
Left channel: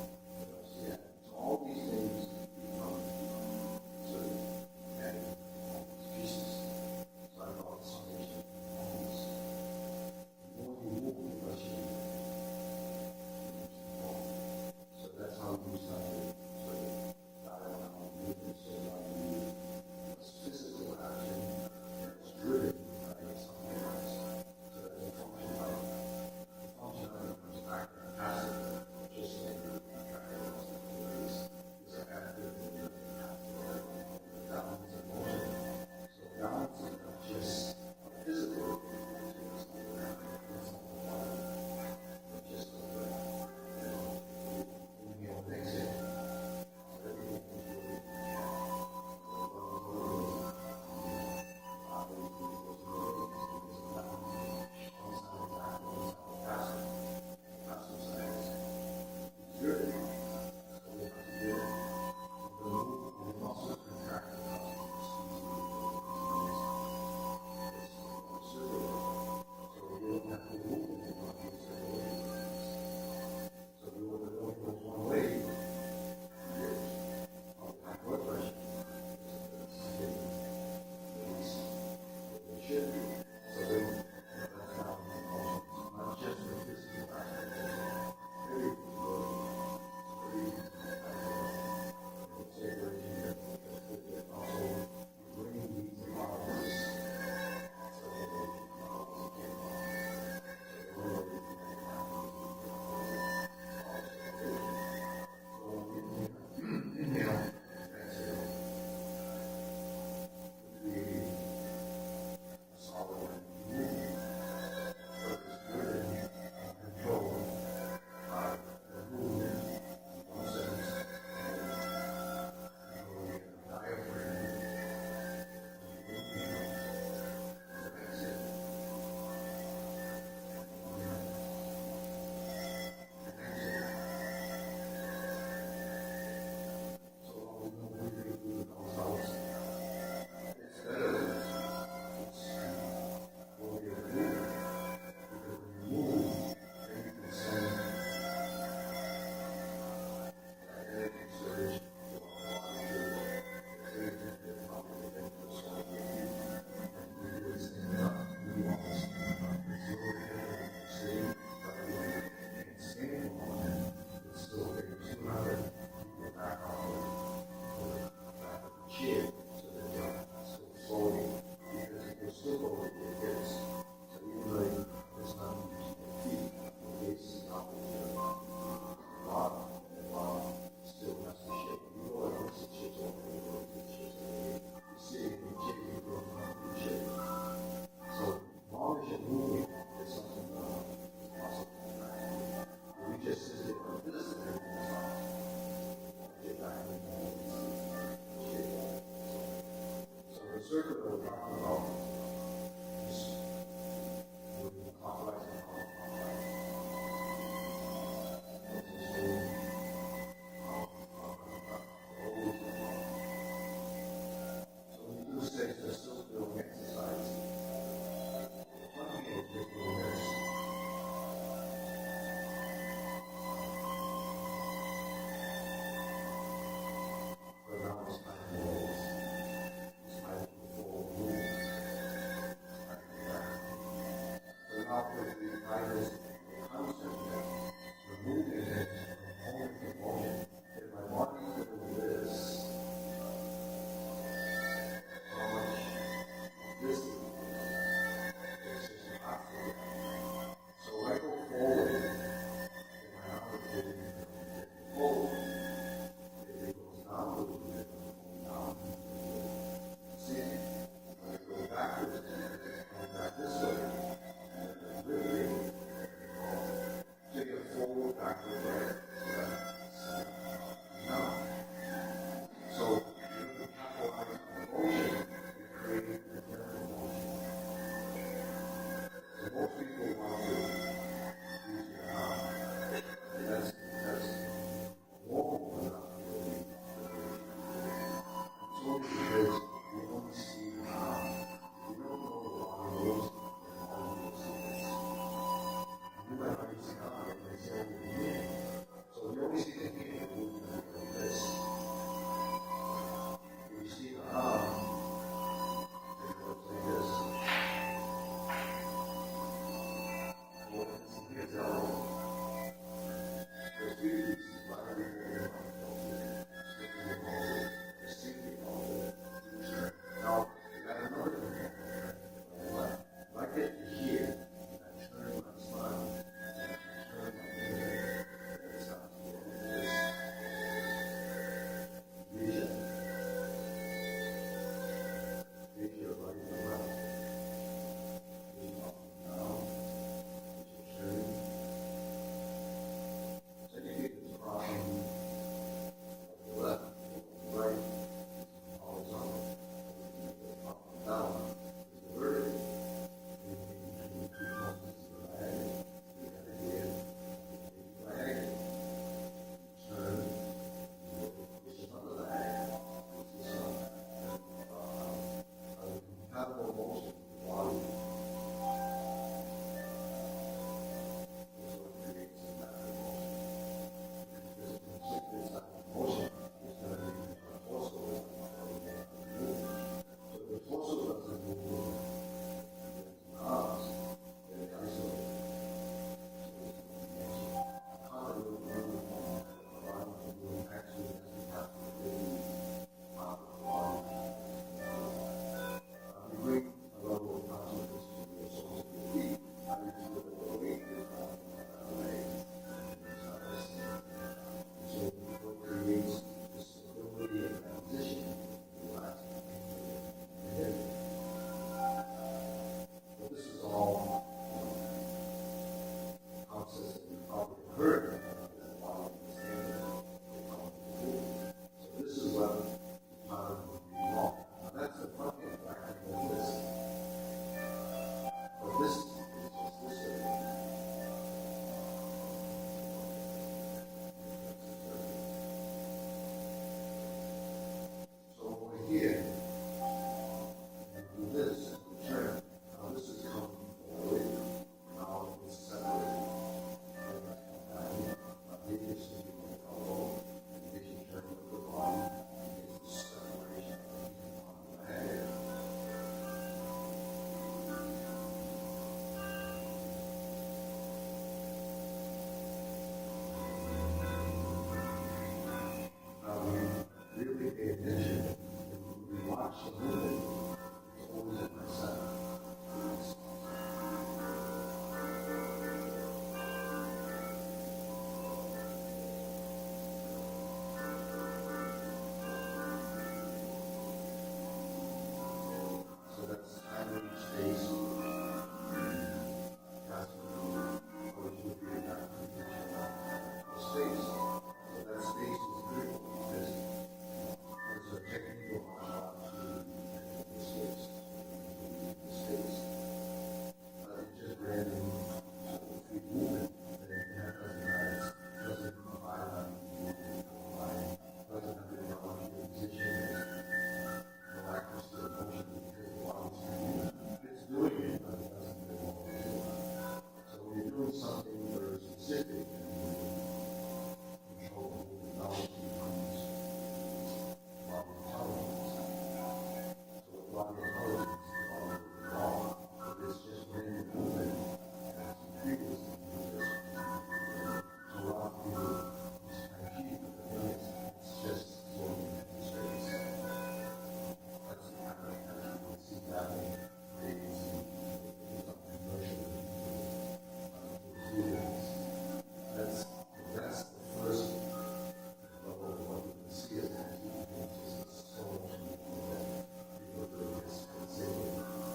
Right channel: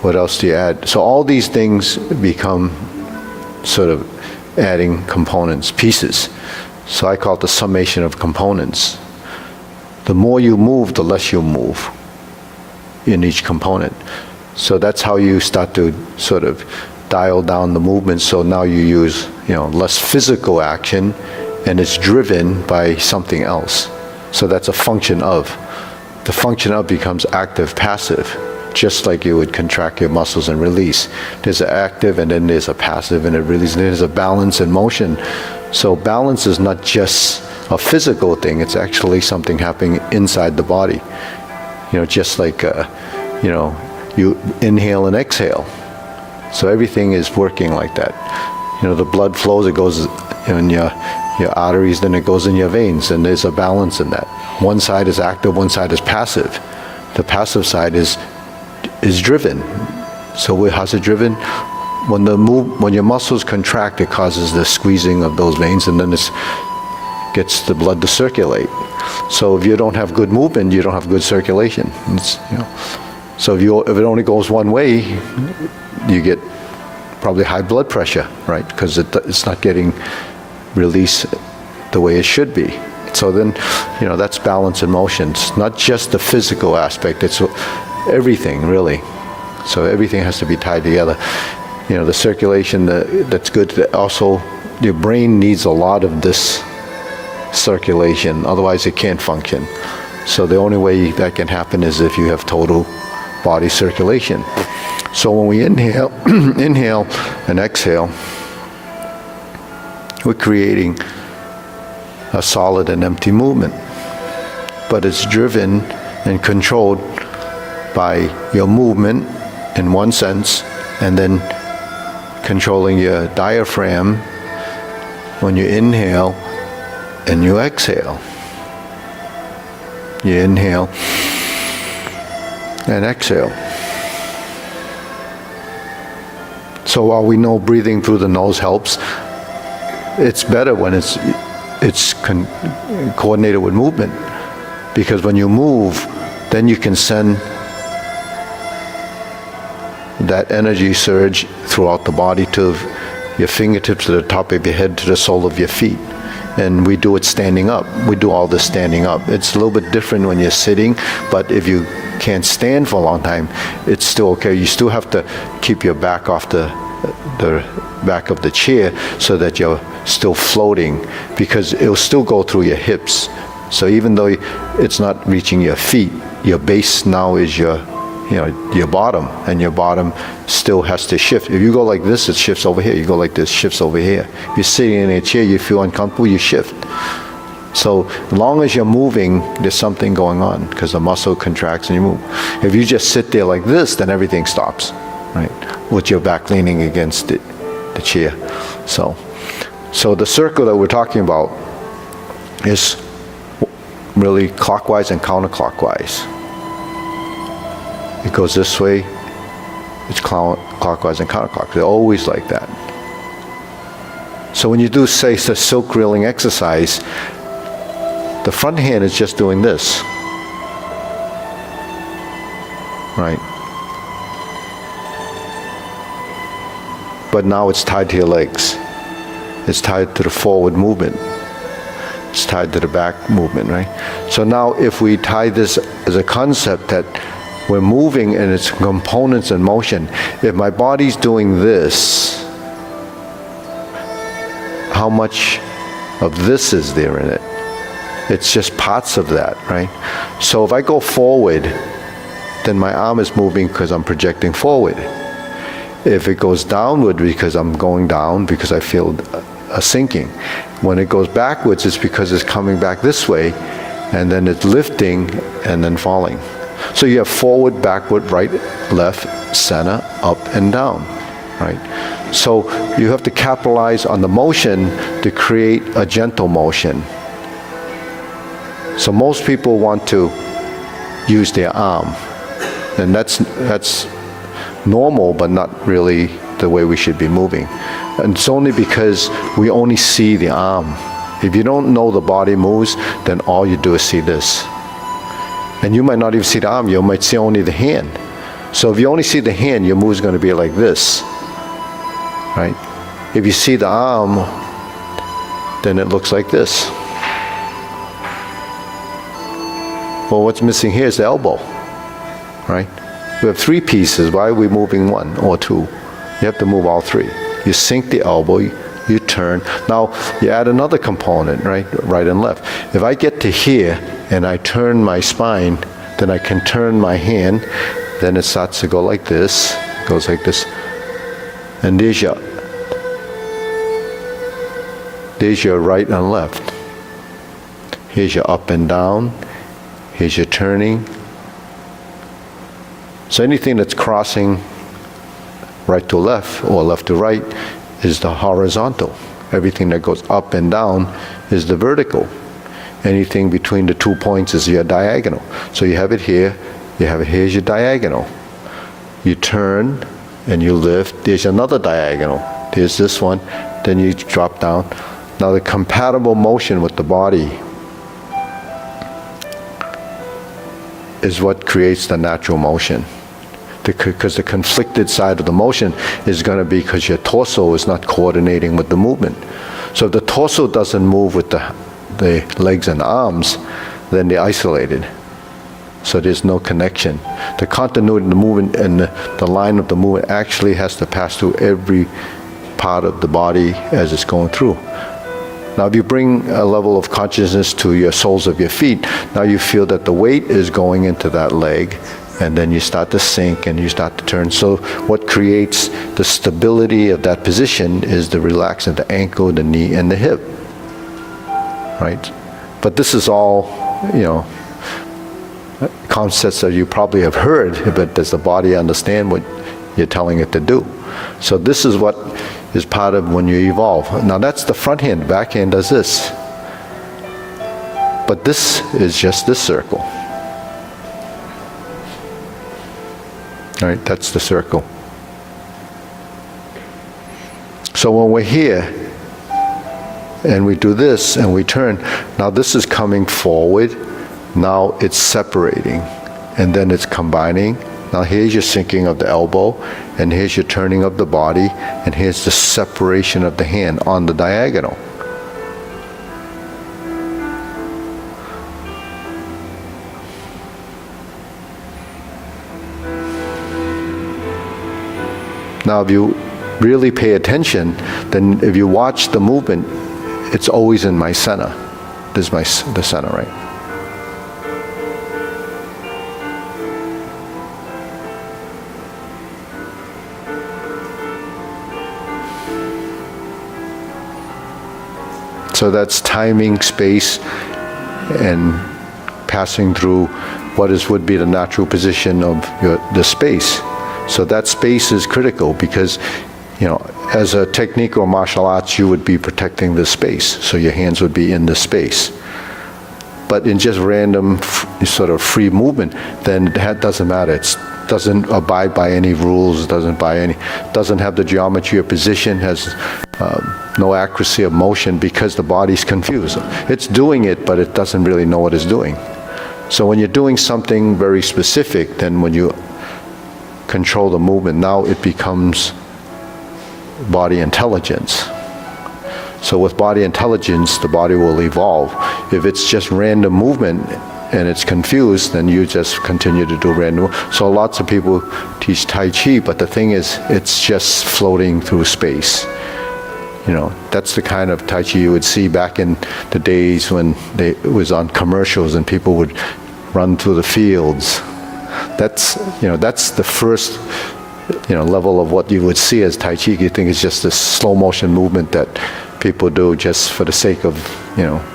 What else do you add? So all these things become sort of adding components, pieces. So I call it the summation of components. The more you move, the less you move in each component. So that's how you start to sort of dial down the movement. So now you use, less physical action, and it's driven by something else. So that's a function of. The function of becomes active, passive, just like you would contract your muscles and release. There's an active, and then there's a passive, and it releases. There's a balance and motion. So balance is not just a physical thing, it's actually something happening inside the body. Just like, you inhale and exhale. So everything is working like that. The blood flows, it goes in your arteries, then it goes in your veins, and there's a balance in that. One side is active, one side is passive. The passive side is driven. So how's it driven? When your muscles contract, it causes the squeezing of those veins, and then it gets the blood to circulate. So if you don't have good movement, you don't have good circulation. So if it only goes one way, you get probably high blood pressure, right? Because it's not getting released the way it should be. So then, that's balance and motion. It's not just the physical aspect, it's everything, really. So everything has to be tied together. The circulation, that's good. Also, your brain needs a lot of this circulation, otherwise it can't function. So the only way that can happen is if you have total body circulation. So when we inhale, inhale and exhale, we're creating a solid and empty movement. But it's driven and controlled by your movement in one sense, and then controlling your diaphragm when you inhale and you exhale. You inhale and exhale. So while we know breathing through the nose helps, it's better when it's coordinated with movement, because when you move, then you can send that energy surge throughout the body to your fingertips, to the top of your head, to the sole of your feet. And we do it standing up. We do all this standing up. It's a little bit different when you're sitting, but if you can't stand for a long time, it's still okay. You still have to keep your back off the back of the chair so that you're still floating, because it'll still go through your hips. So even though it's not reaching your feet, your base now is your bottom, and your bottom still has to shift. If you go like this, it shifts over here. You go like this, shifts over here. If you're sitting in a chair, you feel uncomfortable, you shift. So as long as you're moving, there's something going on, because the muscle contracts and you move. If you just sit there like this, then everything stops, right? With your back leaning against the chair. So the circle that we're talking about is really clockwise and counterclockwise. It goes this way, it's clockwise and counterclockwise. They're always like that. So when you do, say, the silk reeling exercise, the front hand is just doing this, right? But now it's tied to your legs. It's tied to the forward movement. It's tied to the back movement, right? So now if we tie this as a concept that we're moving and its components in motion, if my body's doing this, how much of this is there in it? It's just parts of that, right? So if I go forward, then my arm is moving because I'm projecting forward. If it goes downward, because I'm going down, because I feel a sinking. When it goes backwards, it's because it's coming back this way, and then it's lifting and then falling. So you have forward, backward, right, left, center, up and down, right? So you have to capitalize on the motion to create a gentle motion. So most people want to use their arm, and that's normal, but not really the way we should be moving. And it's only because we only see the arm. If you don't know the body moves, then all you do is see this. And you might not even see the arm, you might see only the hand. So if you only see the hand, your move is going to be like this, right? If you see the arm, then it looks like this. Well, what's missing here is the elbow, right? We have three pieces. Why are we moving one or two? You have to move all three. You sink the elbow, you turn. Now, you add another component, right? Right and left. If I get to here and I turn my spine, then I can turn my hand, then it starts to go like this, goes like this. And there's your right and left. Here's your up and down. Here's your turning. So anything that's crossing right to left or left to right is the horizontal. Everything that goes up and down is the vertical. Anything between the 2 points is your diagonal. So you have it here, you have it here's your diagonal. You turn and you lift, there's another diagonal. There's this one, then you drop down. Now the compatible motion with the body is what creates the natural motion. Because the conflicted side of the motion is going to be because your torso is not coordinating with the movement. So if the torso doesn't move with the legs and arms, then they're isolated. So there's no connection. The continuity of the movement and the line of the movement actually has to pass through every part of the body as it's going through. Now if you bring a level of consciousness to your soles of your feet, now you feel that the weight is going into that leg, and then you start to sink and you start to turn. So what creates the stability of that position is the relaxation of the ankle, the knee, and the hip, right? But this is all, concepts that you probably have heard, but does the body understand what you're telling it to do? So this is what is part of when you evolve. Now that's the front hand. The back hand does this. But this is just this circle. All right, that's the circle. So when we're here and we do this and we turn, now this is coming forward, now it's separating, and then it's combining. Now here's your sinking of the elbow, and here's your turning of the body, and here's the separation of the hand on the diagonal. Now if you really pay attention, then if you watch the movement, it's always in my center. This is the center, right? So that's timing, space, and passing through what would be the natural position of the space. So that space is critical because, as a technique or martial arts, you would be protecting the space. So your hands would be in the space. But in just random sort of free movement, then that doesn't matter. It doesn't abide by any rules, doesn't have the geometry of position, has no accuracy of motion because the body's confused. It's doing it, but it doesn't really know what it's doing. So when you're doing something very specific, then when you control the movement, now it becomes body intelligence. So with body intelligence, the body will evolve. If it's just random movement and it's confused, then you just continue to do random. So lots of people teach Tai Chi, but the thing is, it's just floating through space. That's the kind of Tai Chi you would see back in the days when it was on commercials and people would run through the fields. That's the first, level of what you would see as Tai Chi. You think it's just this slow motion movement that people do just for the sake of,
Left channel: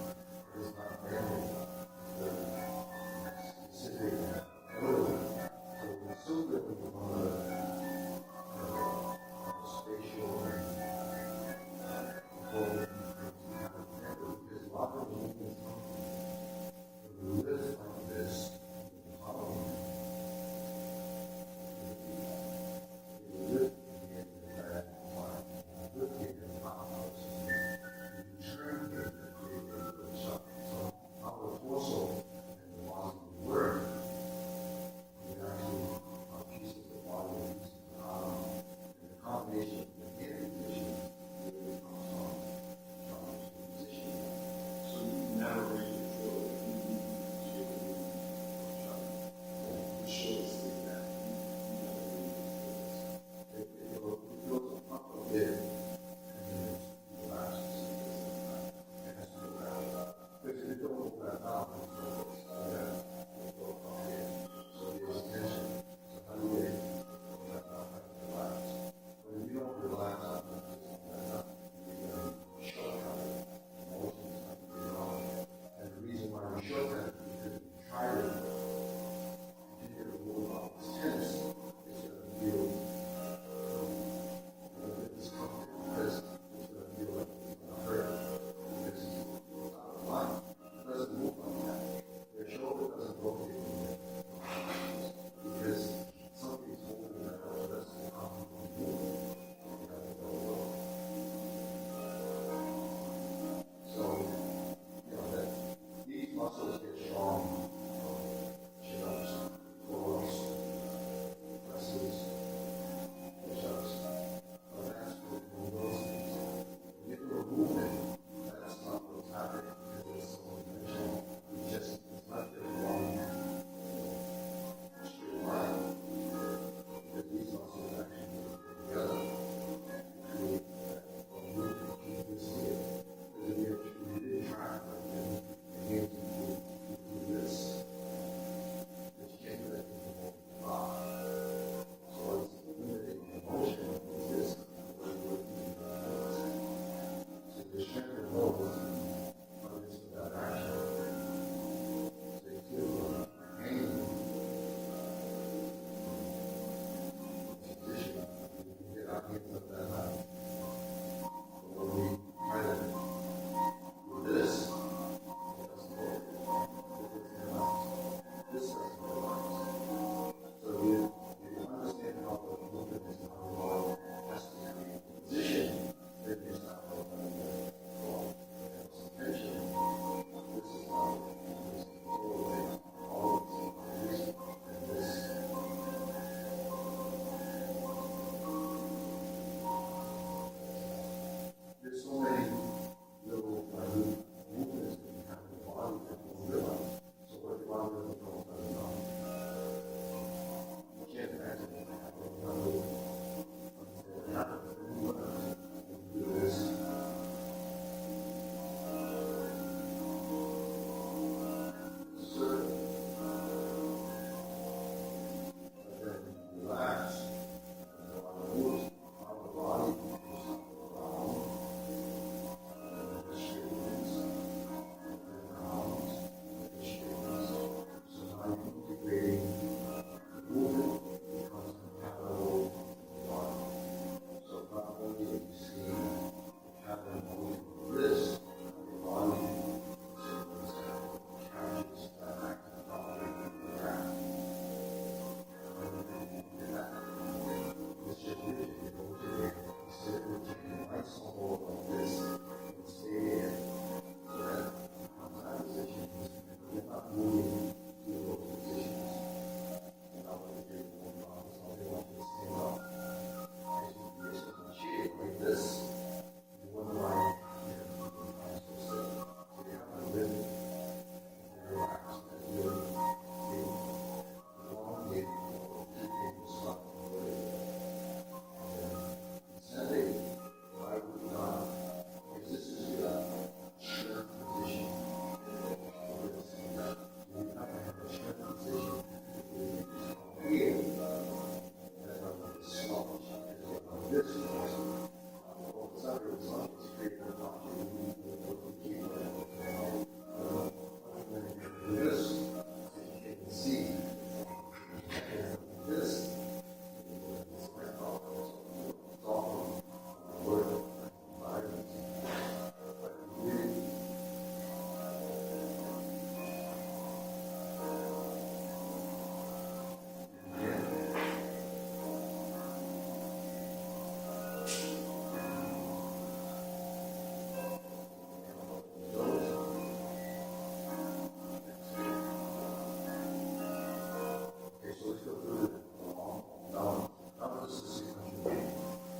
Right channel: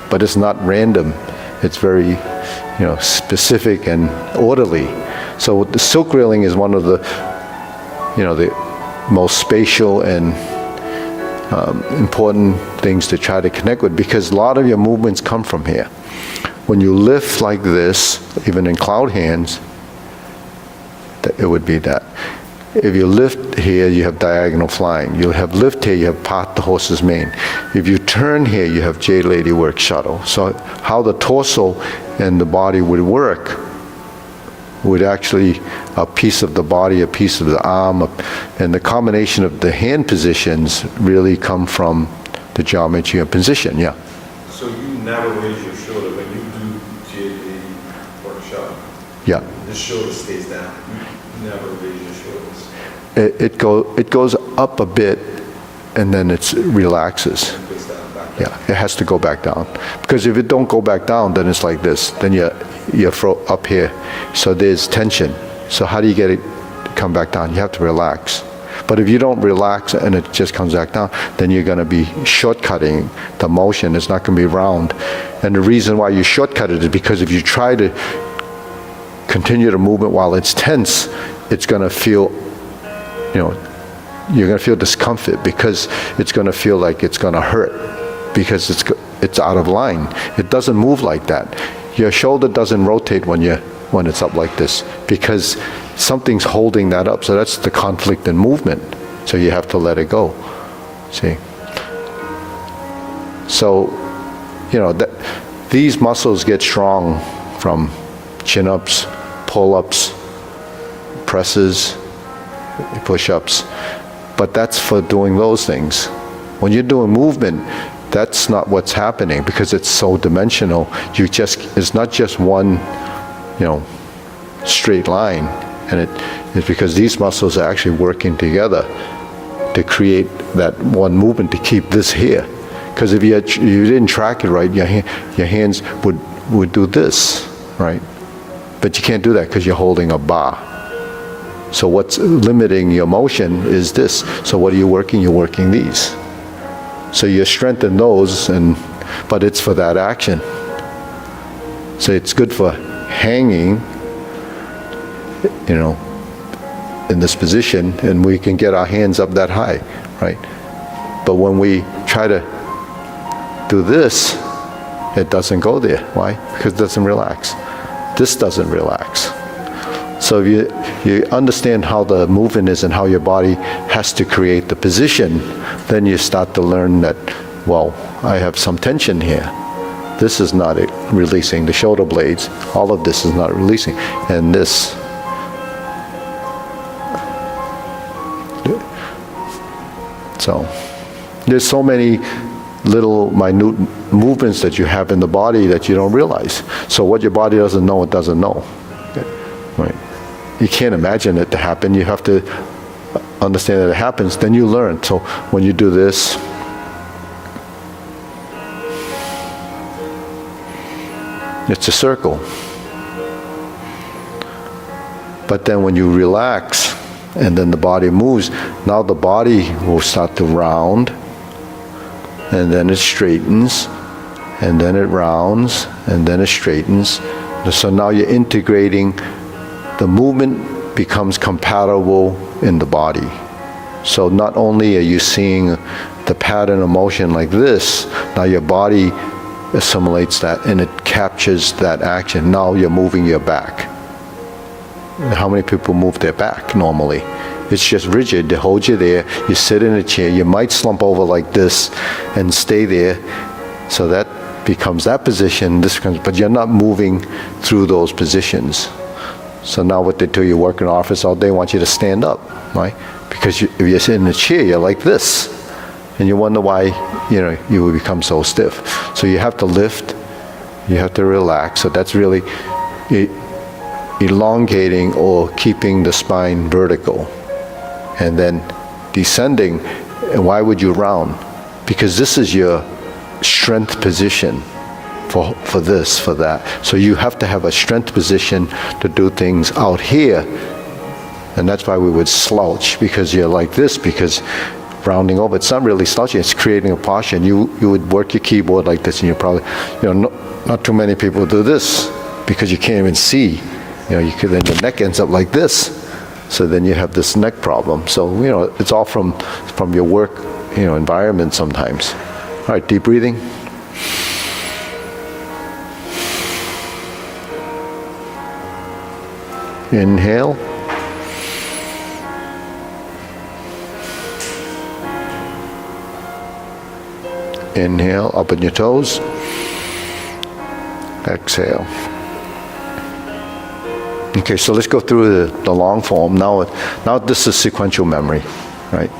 but it's not random. It's very, specific and orderly. So the silk railing is one of the, the most spatial and important things to try to connect with, because a lot of your movements come from here. When you lift like this, even in cloud hands, it would be that. If you lift here, you have diagonal flying. You have lift here, you have part the horse's mane. If you turn here, you have Jade Lady work shuttle. So how the torso and the body would work would actually a piece of the body, a piece of the arm, and the combination of the hand positions really come from the geometry and position, yeah. So you never raise your shoulder when you do Jade workshop? Yeah. The shoulder stays down. You never raise your shoulders. It goes up a bit, and then it relaxes. It goes down, back down. Yeah, it has to go back down. Because if it don't go back down, then it's like this. Then you're up here. So there's tension. So how do you get it to come back down? You have to relax. But if you don't relax and it just comes back down, then you're going to be shortcutting the motion. It's not going to be round. And the reason why you shortcut it is because if you try to continue the movement while it's tense, it's going to feel, you're going to feel discomfort, because it's going to feel like it's going to hurt, because it's out of line. It doesn't move like that. Your shoulder doesn't rotate when it's up like this, because something's holding that up. So that's the conflict in movement. So you have to let it go. See? So, these muscles get strong from chin-ups, pull-ups, presses, push-ups. But that's for doing those things. When you're doing movement, that's not what's happening, because it's so dimensional. It's not just one, straight line. And it's because these muscles are actually working together to create that one movement to keep this here. Because if you didn't track it right, your hands would do this, right? But you can't do that because you're holding a bar. So what's limiting your motion is this. So what are you working? You're working these. So you strengthen those, but it's for that action. So it's good for hanging, in this position, and we can get our hands up that high, right? But when we try to do this, it doesn't go there. Why? Because it doesn't relax. This doesn't relax. So if you understand how the movement is and how your body has to create the position, then you start to learn that, well, I have some tension here. This is not releasing the shoulder blades. All of this is not releasing. And this. So there's so many little minute movements that you have in the body that you don't realize. So what your body doesn't know, it doesn't know. Right? You can't imagine it to happen. You have to understand that it happens. Then you learn. So when you do this, it's a circle. But then when you relax, and then the body moves, now the body will start to round, and then it straightens, and then it rounds, and then it straightens. So now you're integrating, the movement becomes compatible in the body. So not only are you seeing the pattern of motion like this, now your body assimilates that and it captures that action. Now you're moving your back. How many people move their back normally? It's just rigid. They hold you there. You sit in a chair. You might slump over like this and stay there. So that becomes that position. This becomes, but you're not moving through those positions. So now what they do, you work in an office all day, they want you to stand up, right? Because if you're sitting in a chair, you're like this. And you wonder why, you will become so stiff. So you have to lift. You have to relax. So that's really elongating or keeping the spine vertical. And then descending, and why would you round? Because this is your strength position for this, for that. So you have to have a strength position to do things out here. And that's why we would slouch, because you're like this, because rounding over, it's not really slouching, it's creating a posture. And you would work your keyboard like this, and you probably, not too many people do this because you can't even see. You could, then your neck ends up like this. So then you have this neck problem. So, it's all from your work, environment sometimes. All right, deep breathing. Inhale. Inhale, up on your toes. Exhale. Okay, so let's go through the long form. Now this is sequential memory, right?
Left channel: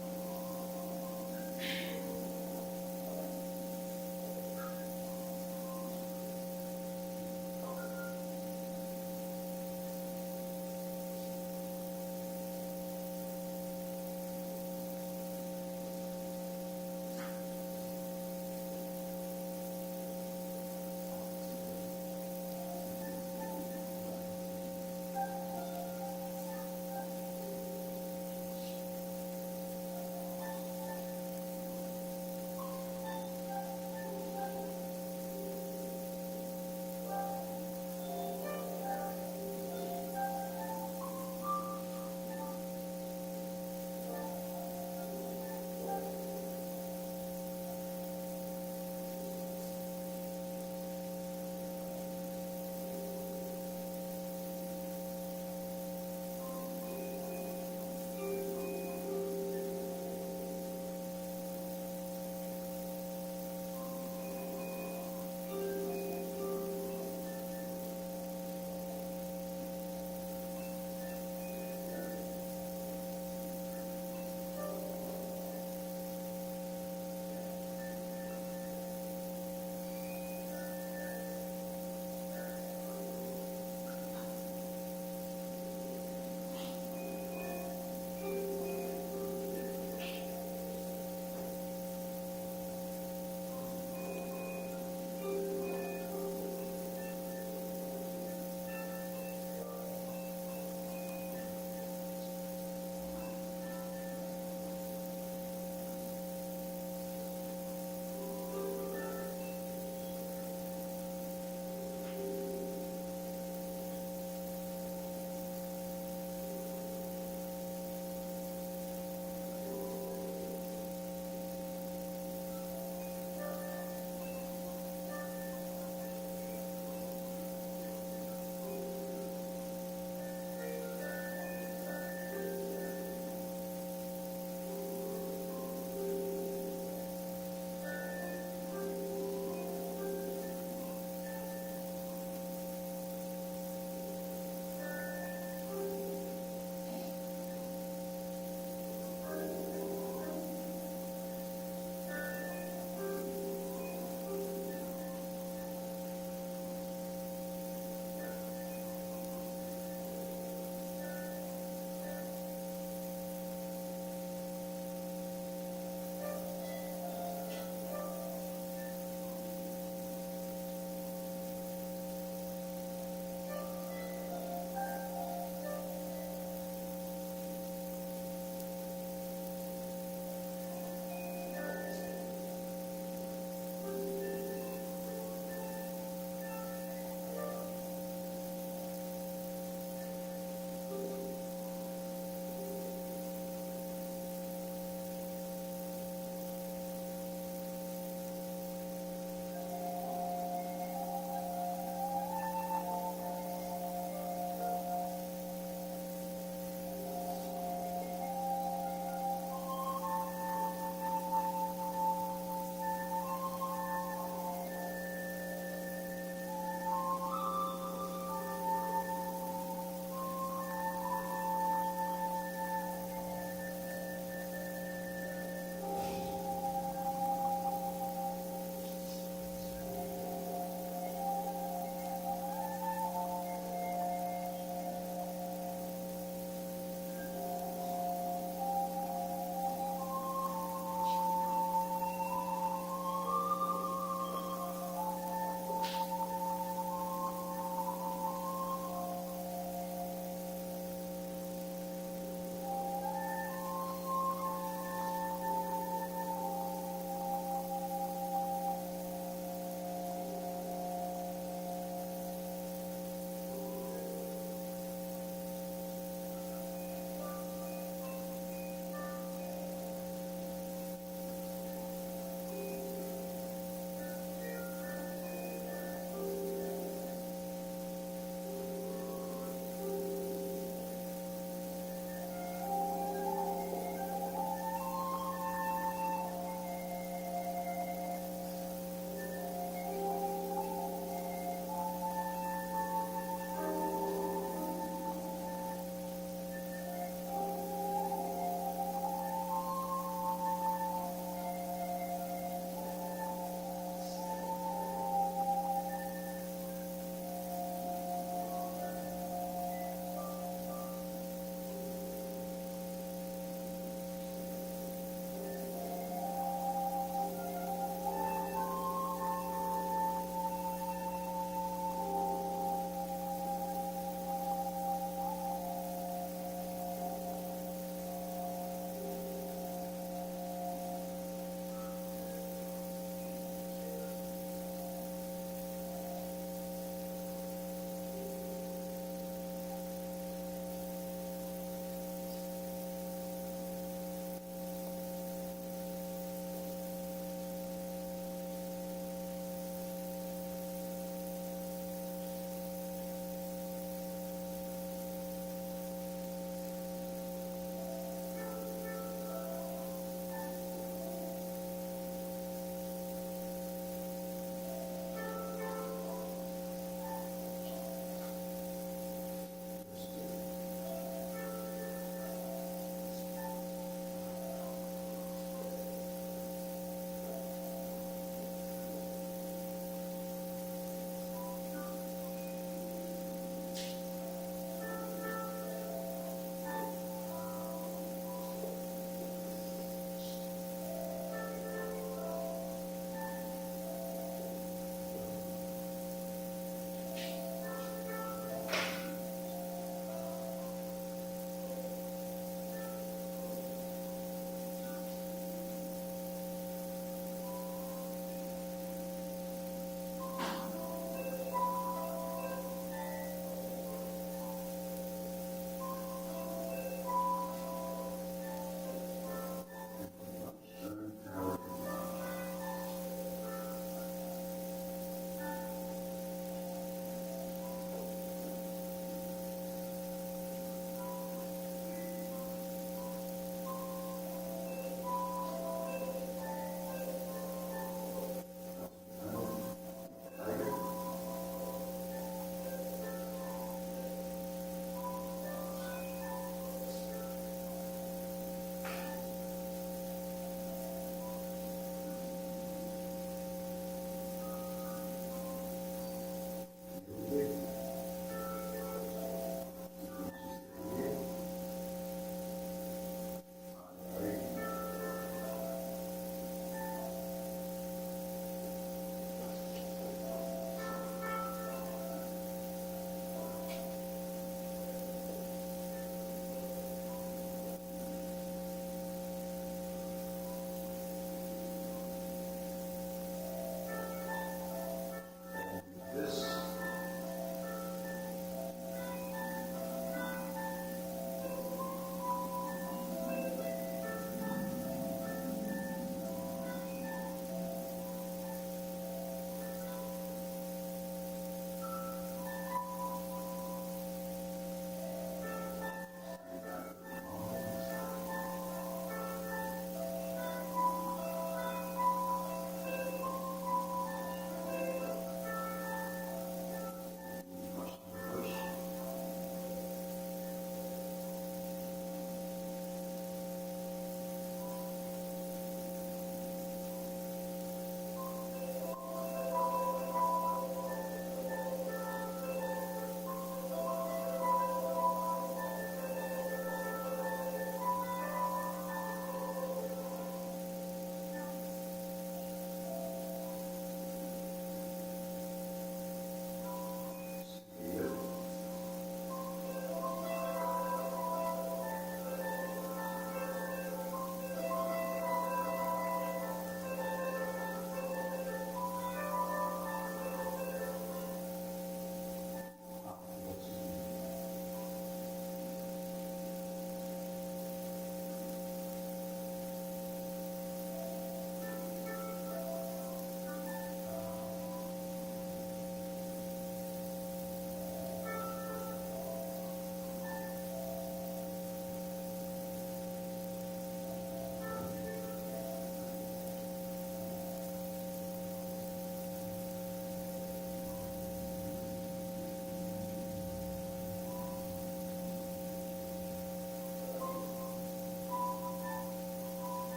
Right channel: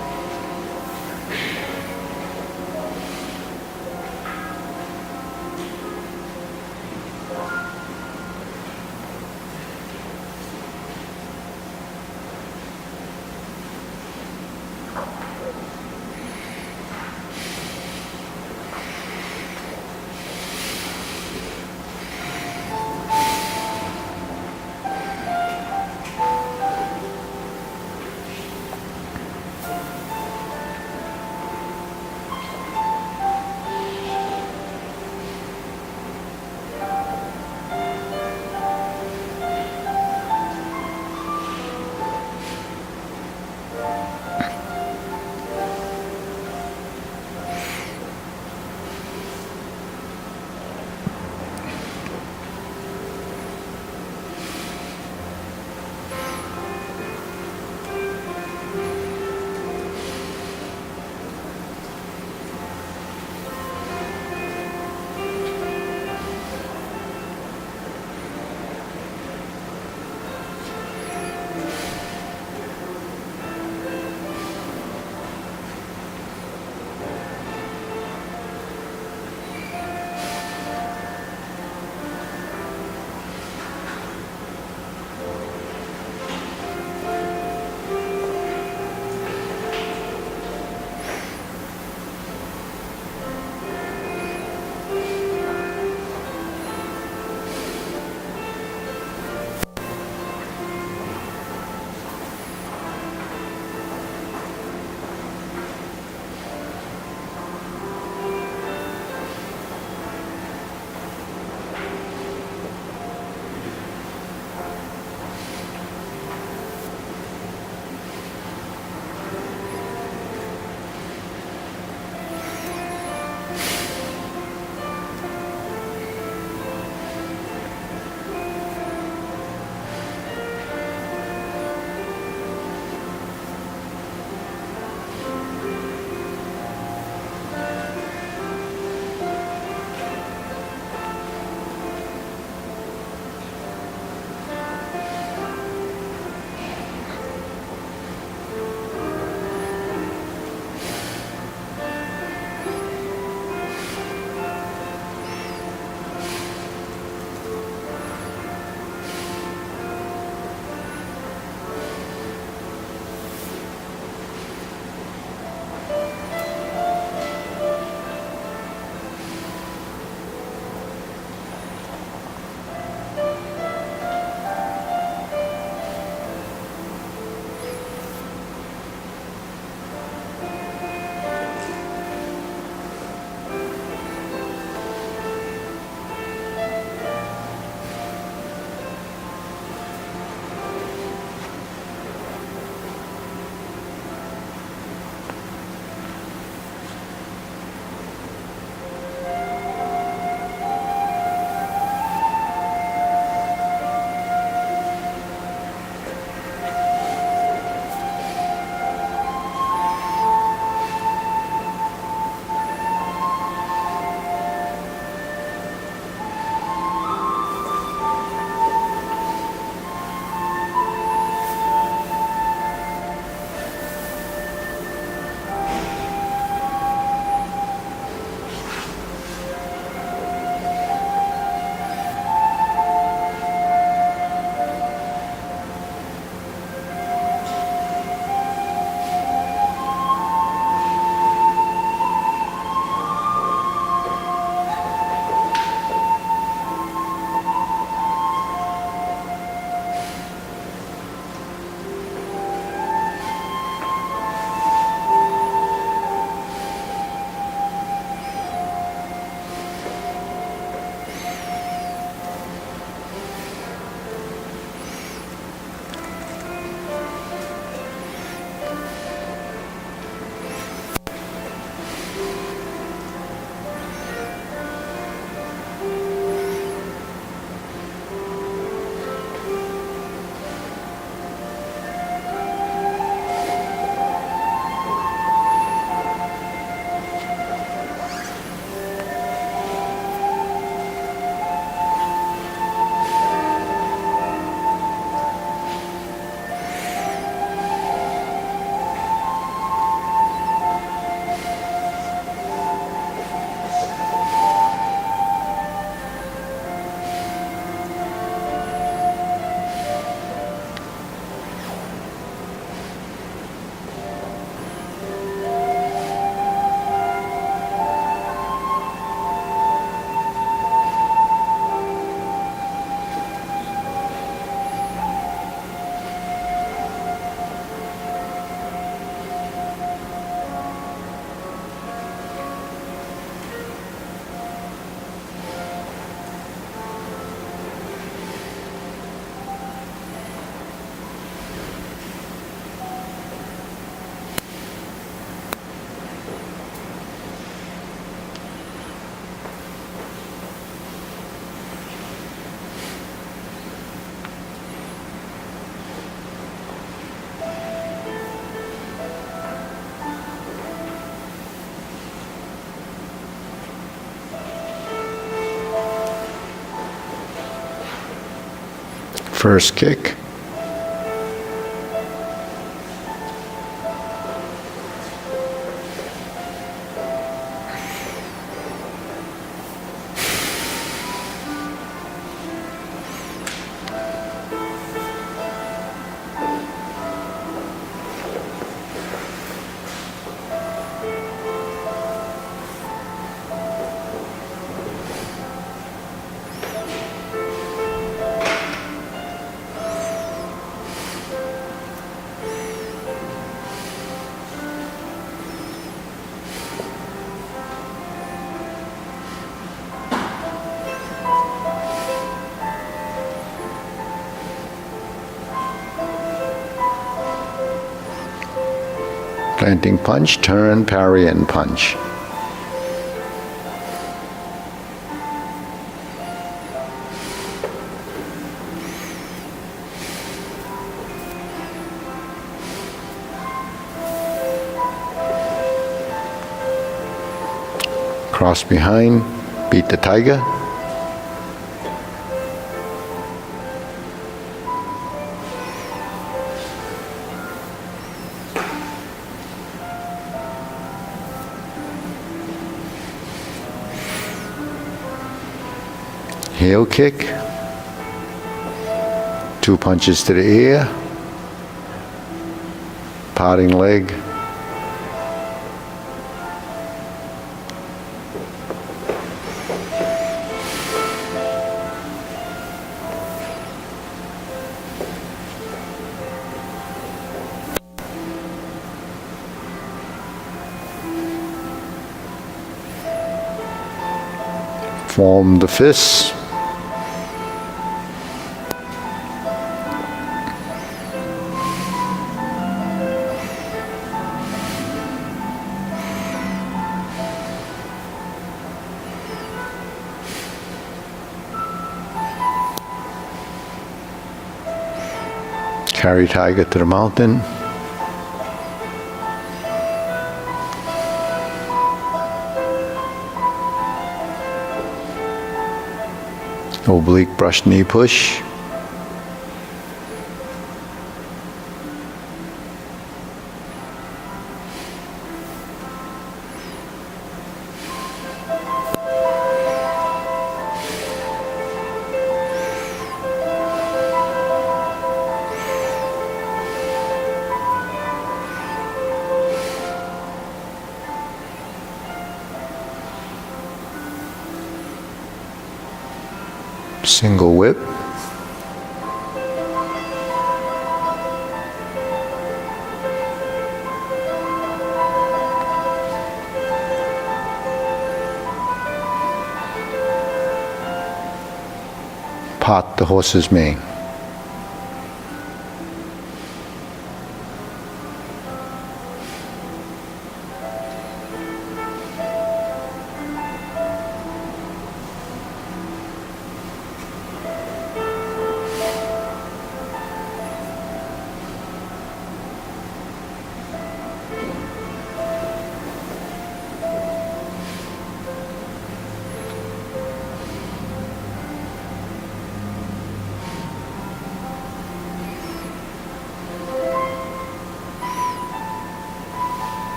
First kick. Planting punch, turn, parry, and punch. Cross behind, beat the tiger. Heel kick, 2 punches to the ear, parting leg, form the fists. Carry tiger to the mountain. Oblique brush knee push. Single whip. Part the horse's mane.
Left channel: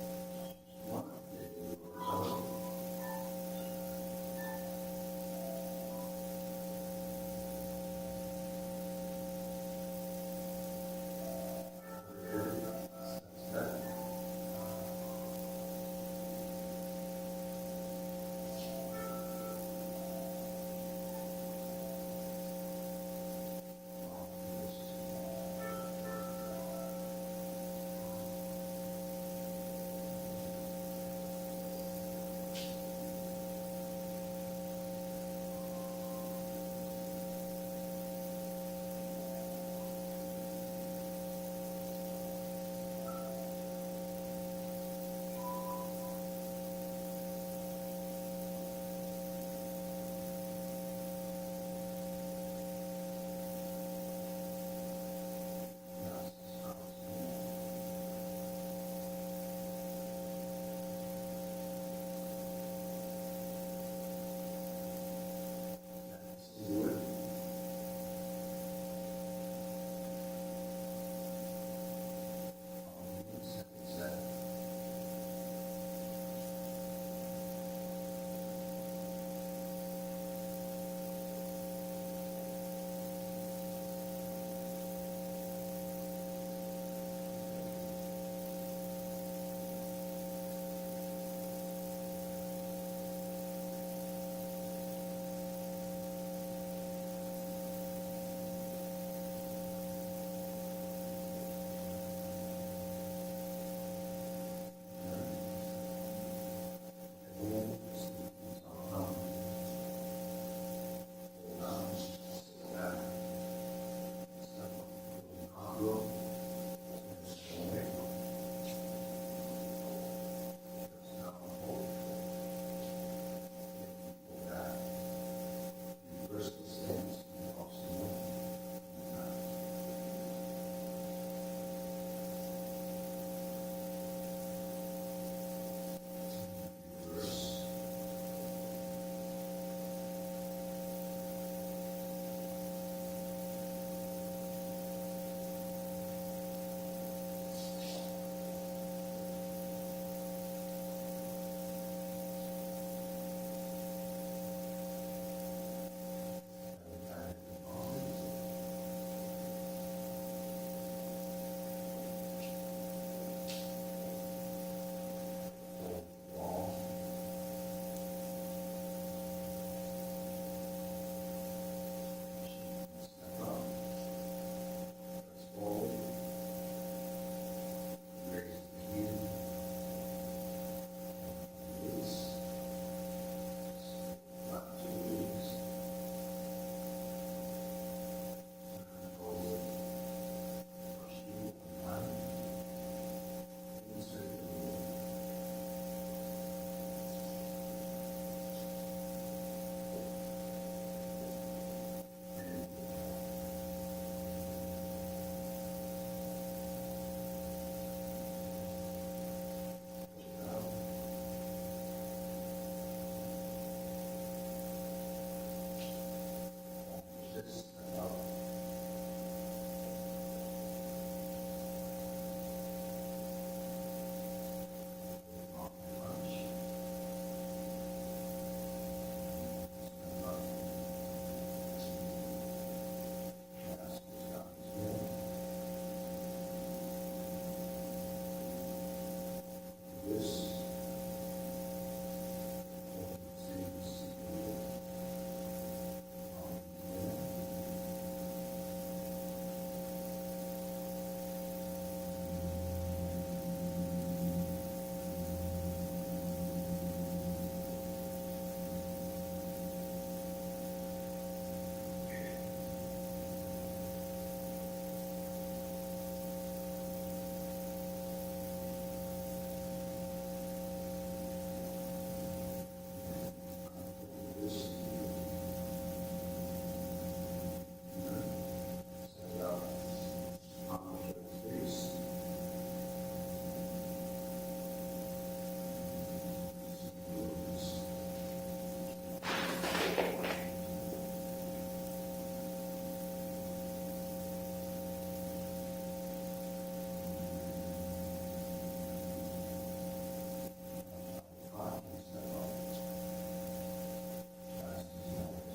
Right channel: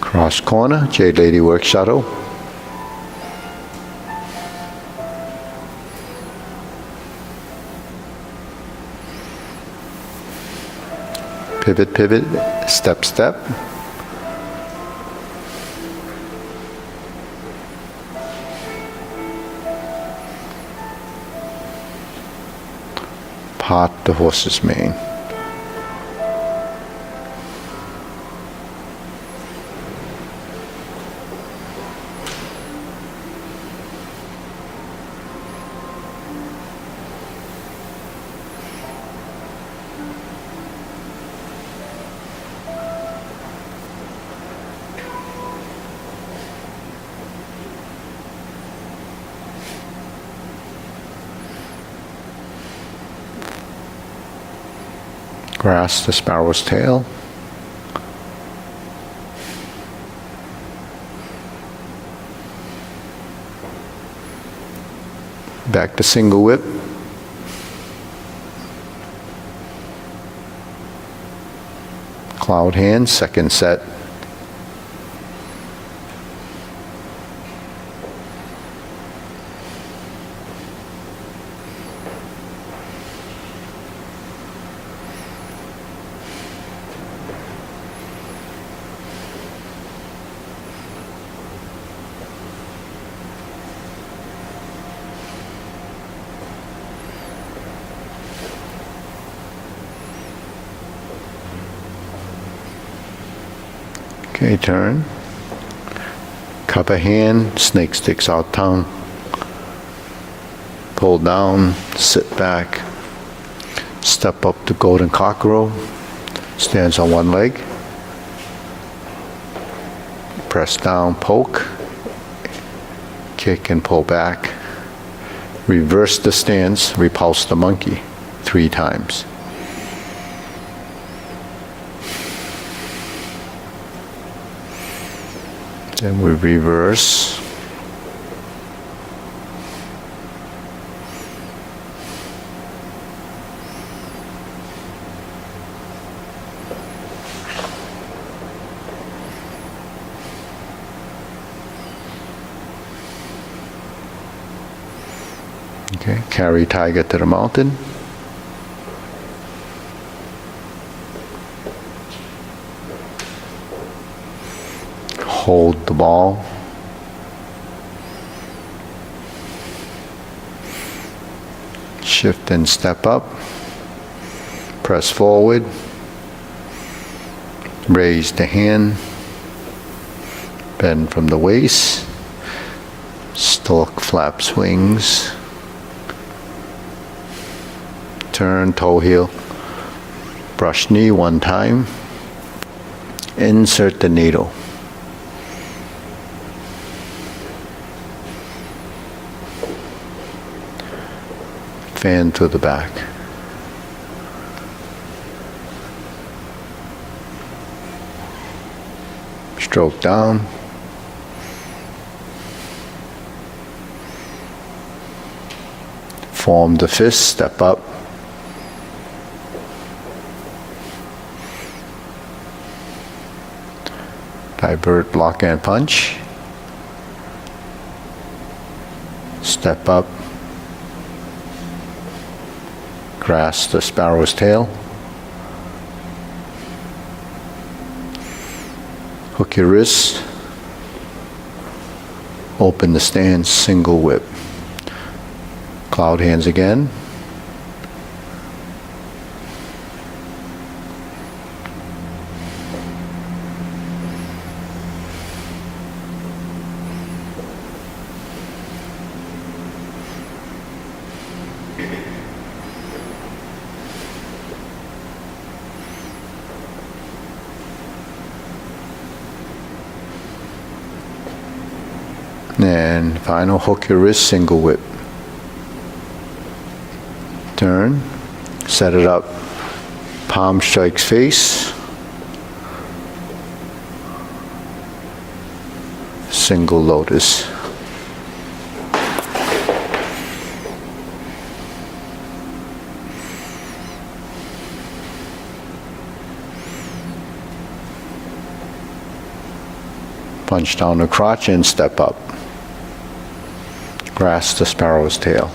Cross corner, Jade Lady work shuttle. Pivot, pivot, step, step. Part the horse's mane. Grasp the sparrow's tail. Back to single whip. Cloud hand, second set. Okay, turn. Cup of hand, snake sticks out tongue. Pull down, sit back. Step up to golden cockerel. Stands on one leg. Press down, poke. Kick and pull back. Reverse the stance, repulse the monkey 3 times. Then we reverse. Okay, carry tiger to the mountain. Hold the ball. Shift and step up. Press forward. Raise the hand. Bend from the waist. Stork flaps wings. Turn toe heel. Brush knee 1 time. Insert the needle. Fan to the back. Stroke down. Form the fist, step up. Divert, block and punch. Step up. Grasp the sparrow's tail. Hook your wrist. Open the stance, single whip. Cloud hands again. And final, hook your wrist, single whip. Turn, set it up, palm strikes face, single lotus. Punch down the crotch and step up. Grasp the sparrow's tail.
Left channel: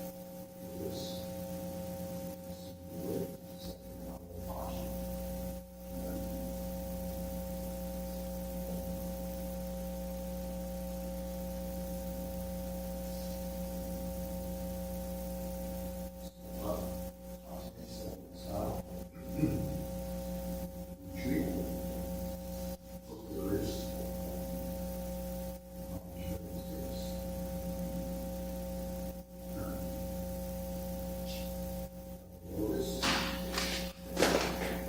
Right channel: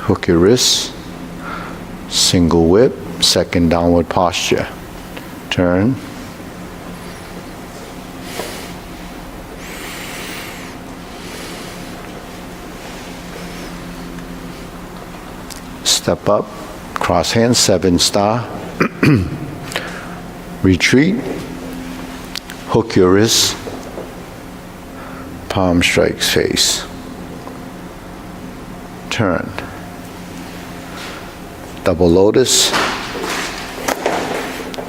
Hook your wrist, single whip, second downward posture. Turn. Step up, cross hands, 7 star. Retreat. Hook your wrist, palm strikes face. Turn. Double lotus.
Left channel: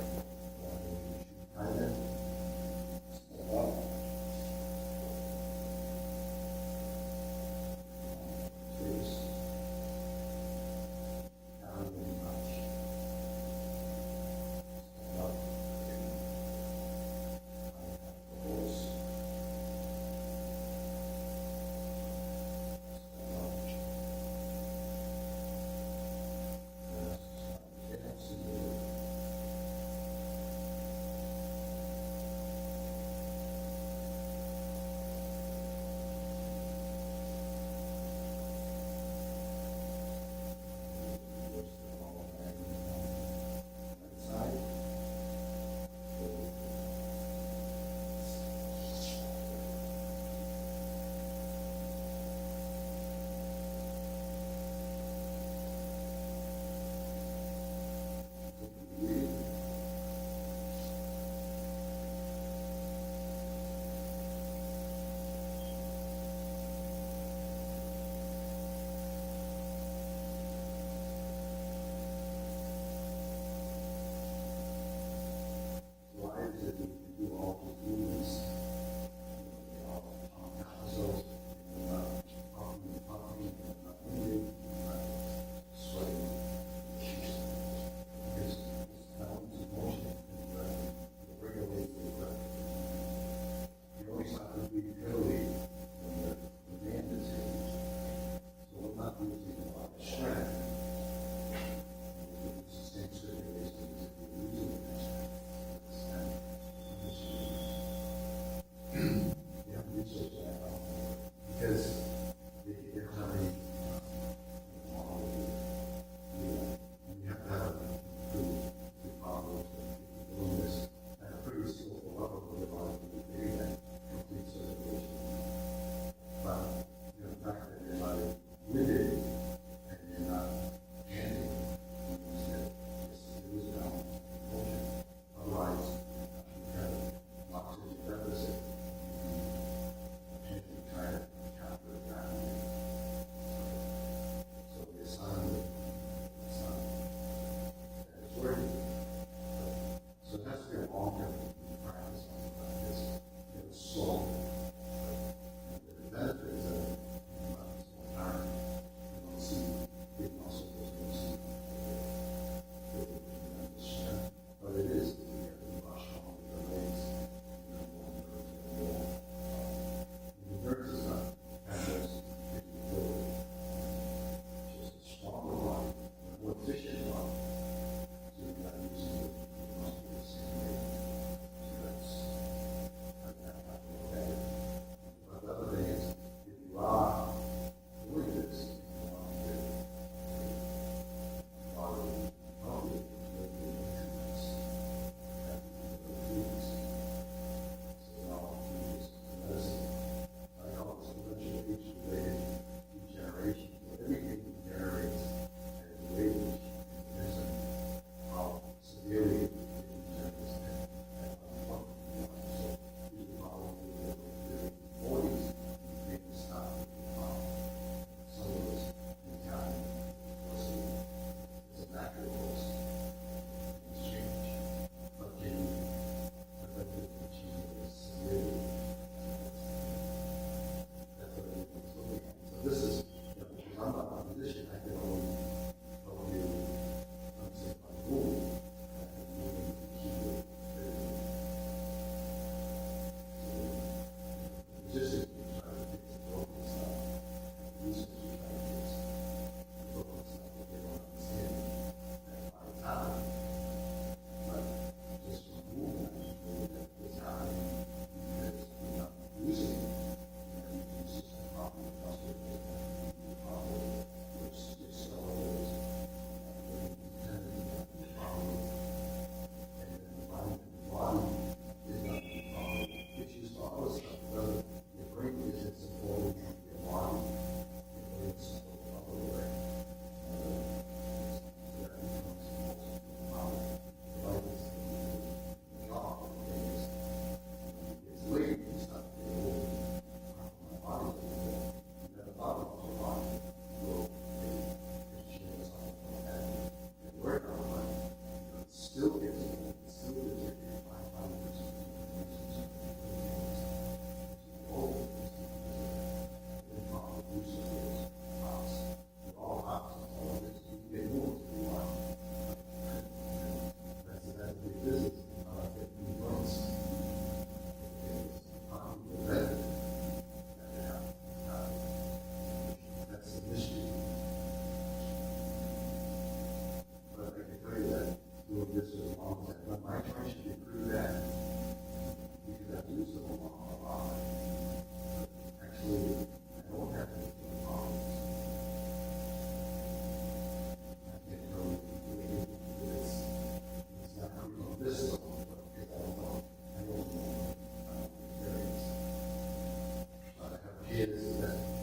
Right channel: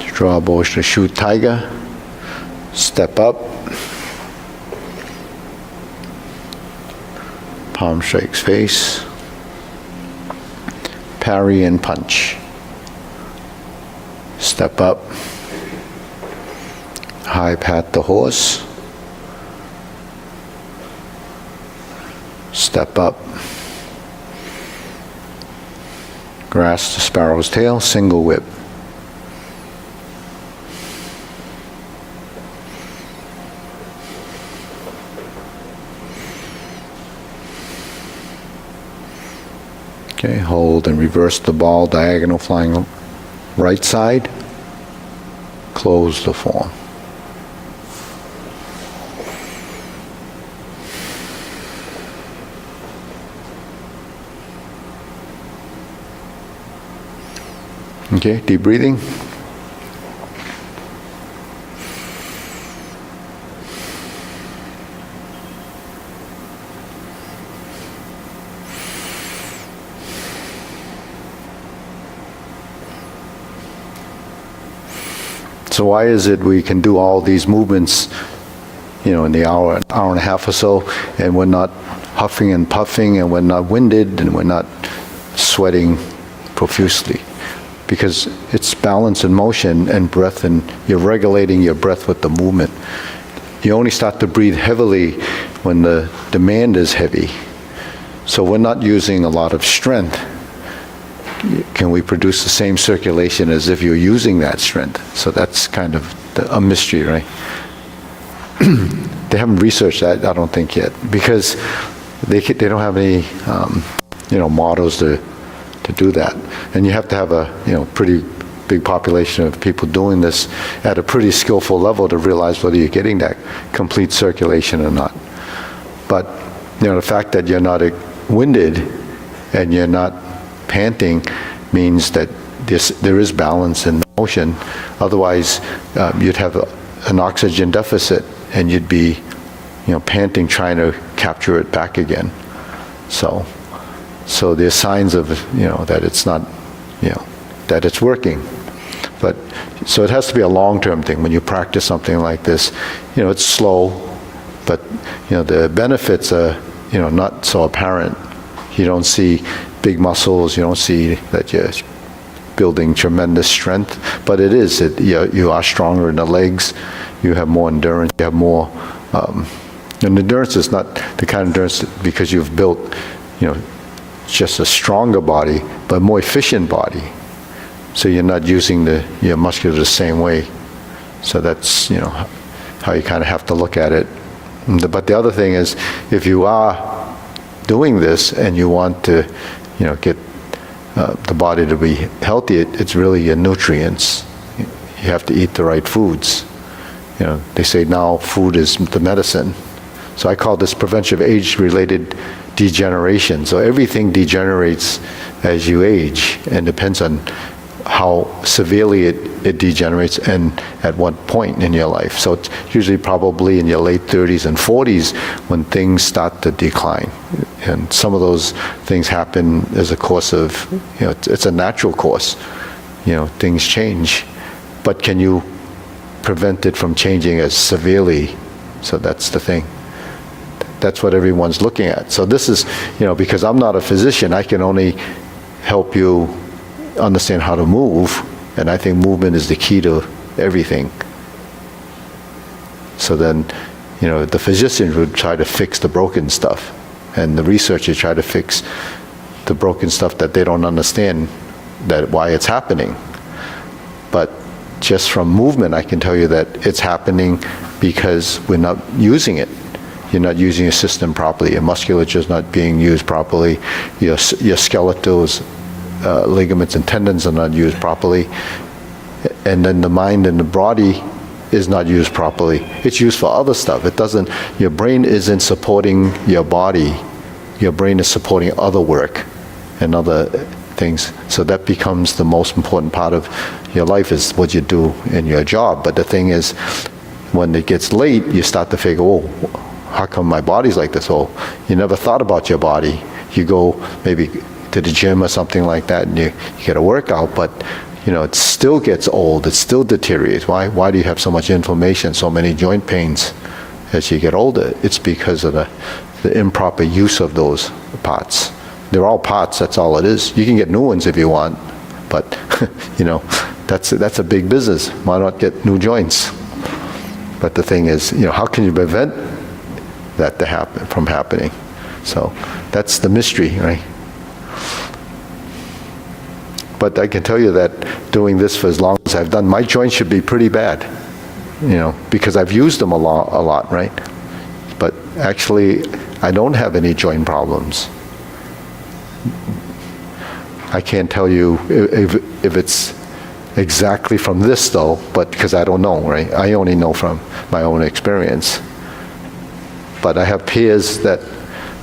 Draw bow to shoot tiger. Step up. Palm strikes face. Parry and punch. Step up. High pat the horse. Step up. Grasp the sparrow's tail, single whip. Okay, hold and reverse the ball, diagonal flying right side. Close the form. Okay, deep breathing. So why is it we can do all these movements, in the hour and a half or so, and we're not huffing and puffing, and we're not winded, and we're not sweating profusely? Because it's balance and motion and breath, and you're regulating your breath with the movement. You only start to breathe heavily when the demand is heavy. So we're not using a lot of strength. Can we produce the same circulation as if you're using that strength? So that's kind of a mystery, right? They haven't researched that, I don't think, yet, because they don't have any, models to do that. And you have to have a, pretty big population of people doing this at a pretty skillful level to realize whether you're getting that complete circulation or not. But, the fact that you're not winded and you're not panting means that there is balance in the motion. Otherwise, you'd have an oxygen deficit, and you'd be, panting, trying to capture it back again. So there's signs of, that it's not, that it's working. But so it has to be a long-term thing. When you practice something like this, it's slow, but the benefits are, not so apparent. You don't see big muscles, you don't see that you're building tremendous strength, but it is, you are stronger in the legs, you have more endurance, you have more, and endurance is not the kind of endurance because you've built, just a stronger body, but more efficient body. So you're not using your muscular the same way. So that's, how you kind of have to look at it. But the other thing is, if you are doing this and you want to, get the body to be healthy, it's really your nutrients. You have to eat the right foods. They say now food is the medicine. So I call this prevention of age-related degeneration. So everything degenerates as you age, and depends on how severely it degenerates and at what point in your life. So it's usually probably in your late 30s and 40s when things start to decline. And some of those things happen as a course of, it's a natural course. Things change. But can you prevent it from changing as severely? So that's the thing. That's what everyone's looking at. So this is, because I'm not a physician, I can only help you understand how to move, and I think movement is the key to everything. So then, the physicians would try to fix the broken stuff, and the researchers try to fix the broken stuff that they don't understand, that why it's happening. But just from movement, I can tell you that it's happening because we're not using it. You're not using your system properly. Your musculature is not being used properly. Your skeletals, ligaments and tendons are not used properly. And then the mind and the body is not used properly. It's used for other stuff. Your brain isn't supporting your body. Your brain is supporting other work and other things. So that becomes the most important part of your life, is what you do in your job. But the thing is, when it gets late, you start to figure, oh, how come my body's like this? Oh, you never thought about your body. You go maybe to the gym or something like that, and you get a workout, but it still gets old. It still deteriorates. Why do you have so much inflammation, so many joint pains as you get older? It's because of the improper use of those parts. They're all parts. That's all it is. You can get new ones if you want, but that's a big business. Why not get new joints? But the thing is, how can you prevent that from happening? So that's the mystery, right? But I can tell you that doing this for as long as I've done, my joints should be pretty bad, because I've used them a lot, right? But actually, I don't have any joint problems. I can't tell you if it's exactly from this though, but because I don't know, right? I only know from my own experience. But I have peers that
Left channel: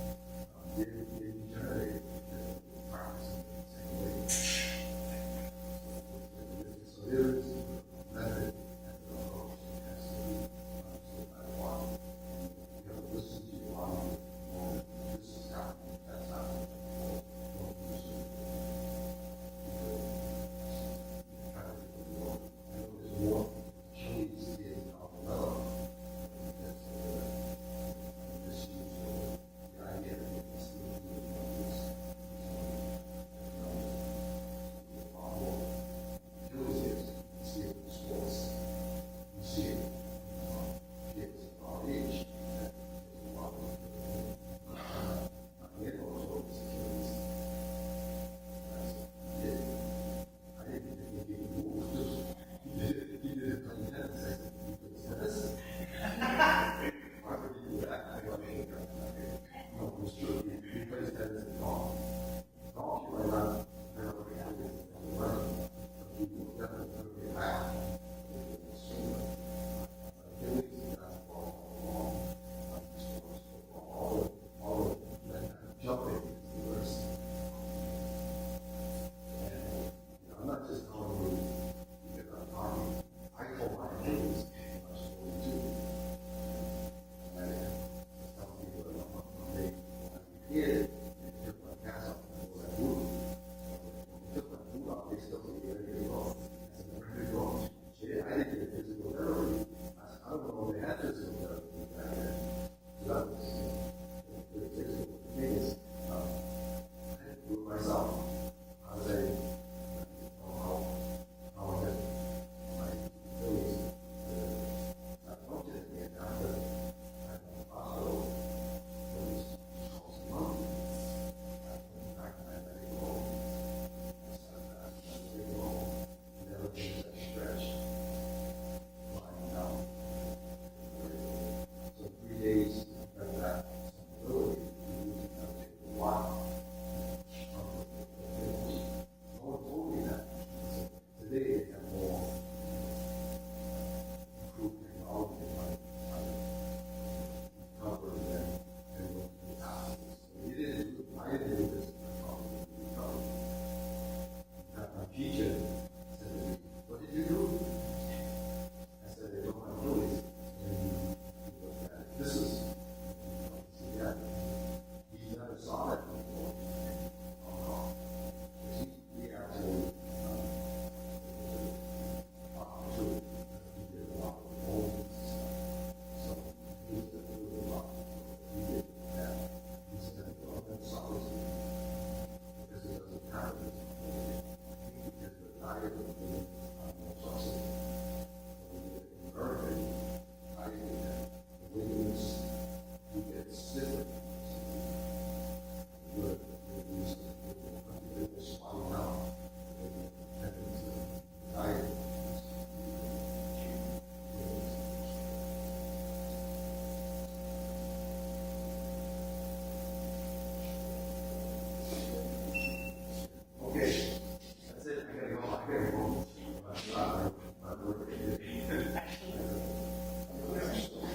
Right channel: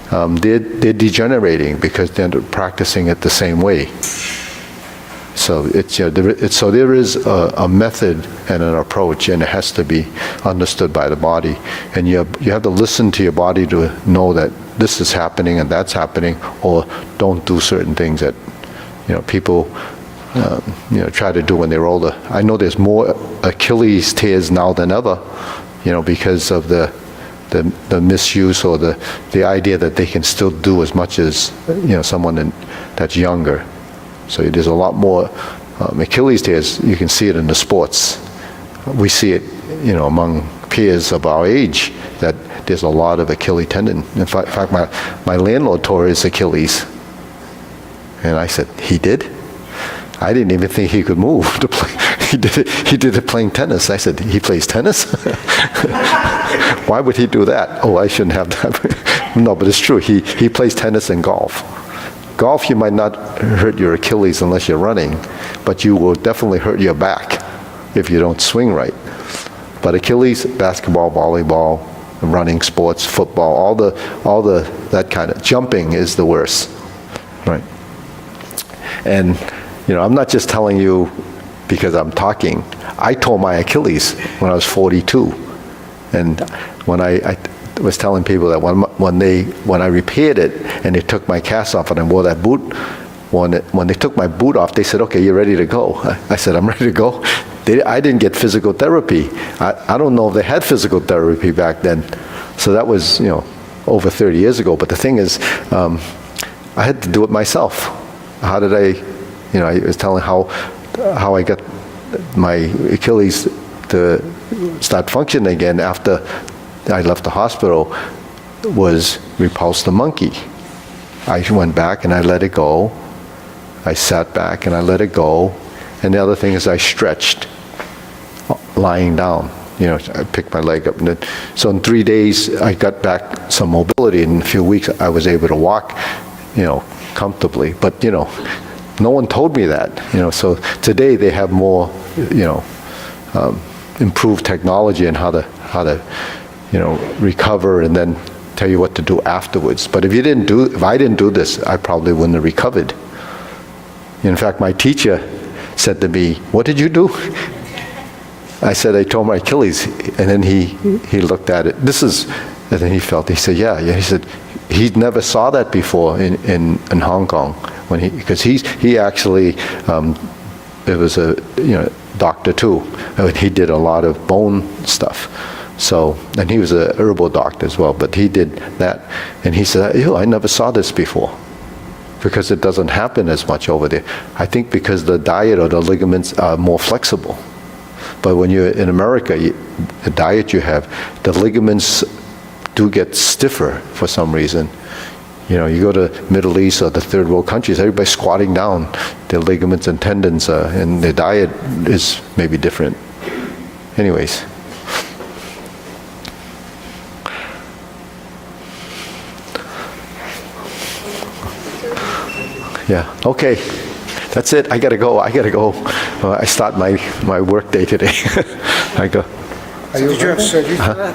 they're degenerating because they're practicing it the same way. So there is a method and an approach, and it has to be understood by the body. And you have to listen to your body to know that this is happening and that's happening, or don't do certain things that people try to do when they're older. I know there's more Achilles tears now than ever, because of the misuse or the idea that they can still do as much as someone that's younger. So there's a lot more Achilles tears. You can see it in the sports. We see it, among peers of our age, that there's a lot of Achilles tendon. In fact, my landlord tore his Achilles. And I said, he did? I didn't even think he could move to play. He did it playing tennis. I said, he plays tennis? Why would he do that? Oh, I shouldn't have that. No, but it's true. He plays tennis and golf. Golf, you might not hurt your Achilles unless you're running, but you will definitely hurt your back if you don't swing right. But Achilles, basketball, volleyball, running, sports, football, all the that kind of jumping is the worst, right? And I'm not just telling you because I'm talking. I tore my Achilles when I was 42, and when I was telling people that when I repaired it and they took my cast off and I wore that boot, when they took my boot off, they said, okay, you're ready to go. I said, I'm ready to go. I didn't get physical therapy. I don't know if they had physical therapy back then. So that was, over 30 years ago. But the thing is, I had to do it myself. How did I was telling how I got my Achilles to start functioning again after I left the hospital was repulse the monkey. I went back and I let it go. I sat back and I let it go. And the other thing is I stretched lying down. I picked my leg up. So in 3 days, I got back some mobility. In a few weeks, I was able to walk, comfortably. But, no one told me that. So today they have more, improved technology and how to recover and then tell you what to do afterwards. But if I didn't do this, I probably wouldn't have recovered. In fact, my teacher said to me, what did you do? I said, I tore my Achilles. And then he looked at it. And then he said, yeah. He said, he never saw that before in Hong Kong. Because he actually, it was a doctor too. He did a lot of bone stuff. So, and he was a herbal doctor as well, but he did that. And he said, I never saw this before. Because it doesn't happen as much over there. I think because the diet or the ligaments are more flexible. But when you're in America, the diet you have, the ligaments do get stiffer for some reason. You go to Middle East or the third world countries, everybody's squatting down. Their ligaments and tendons, and their diet is maybe different. Anyways. Yeah, okay. That's it. I gotta go. I start my work day today. I go. Did you have surgery for that?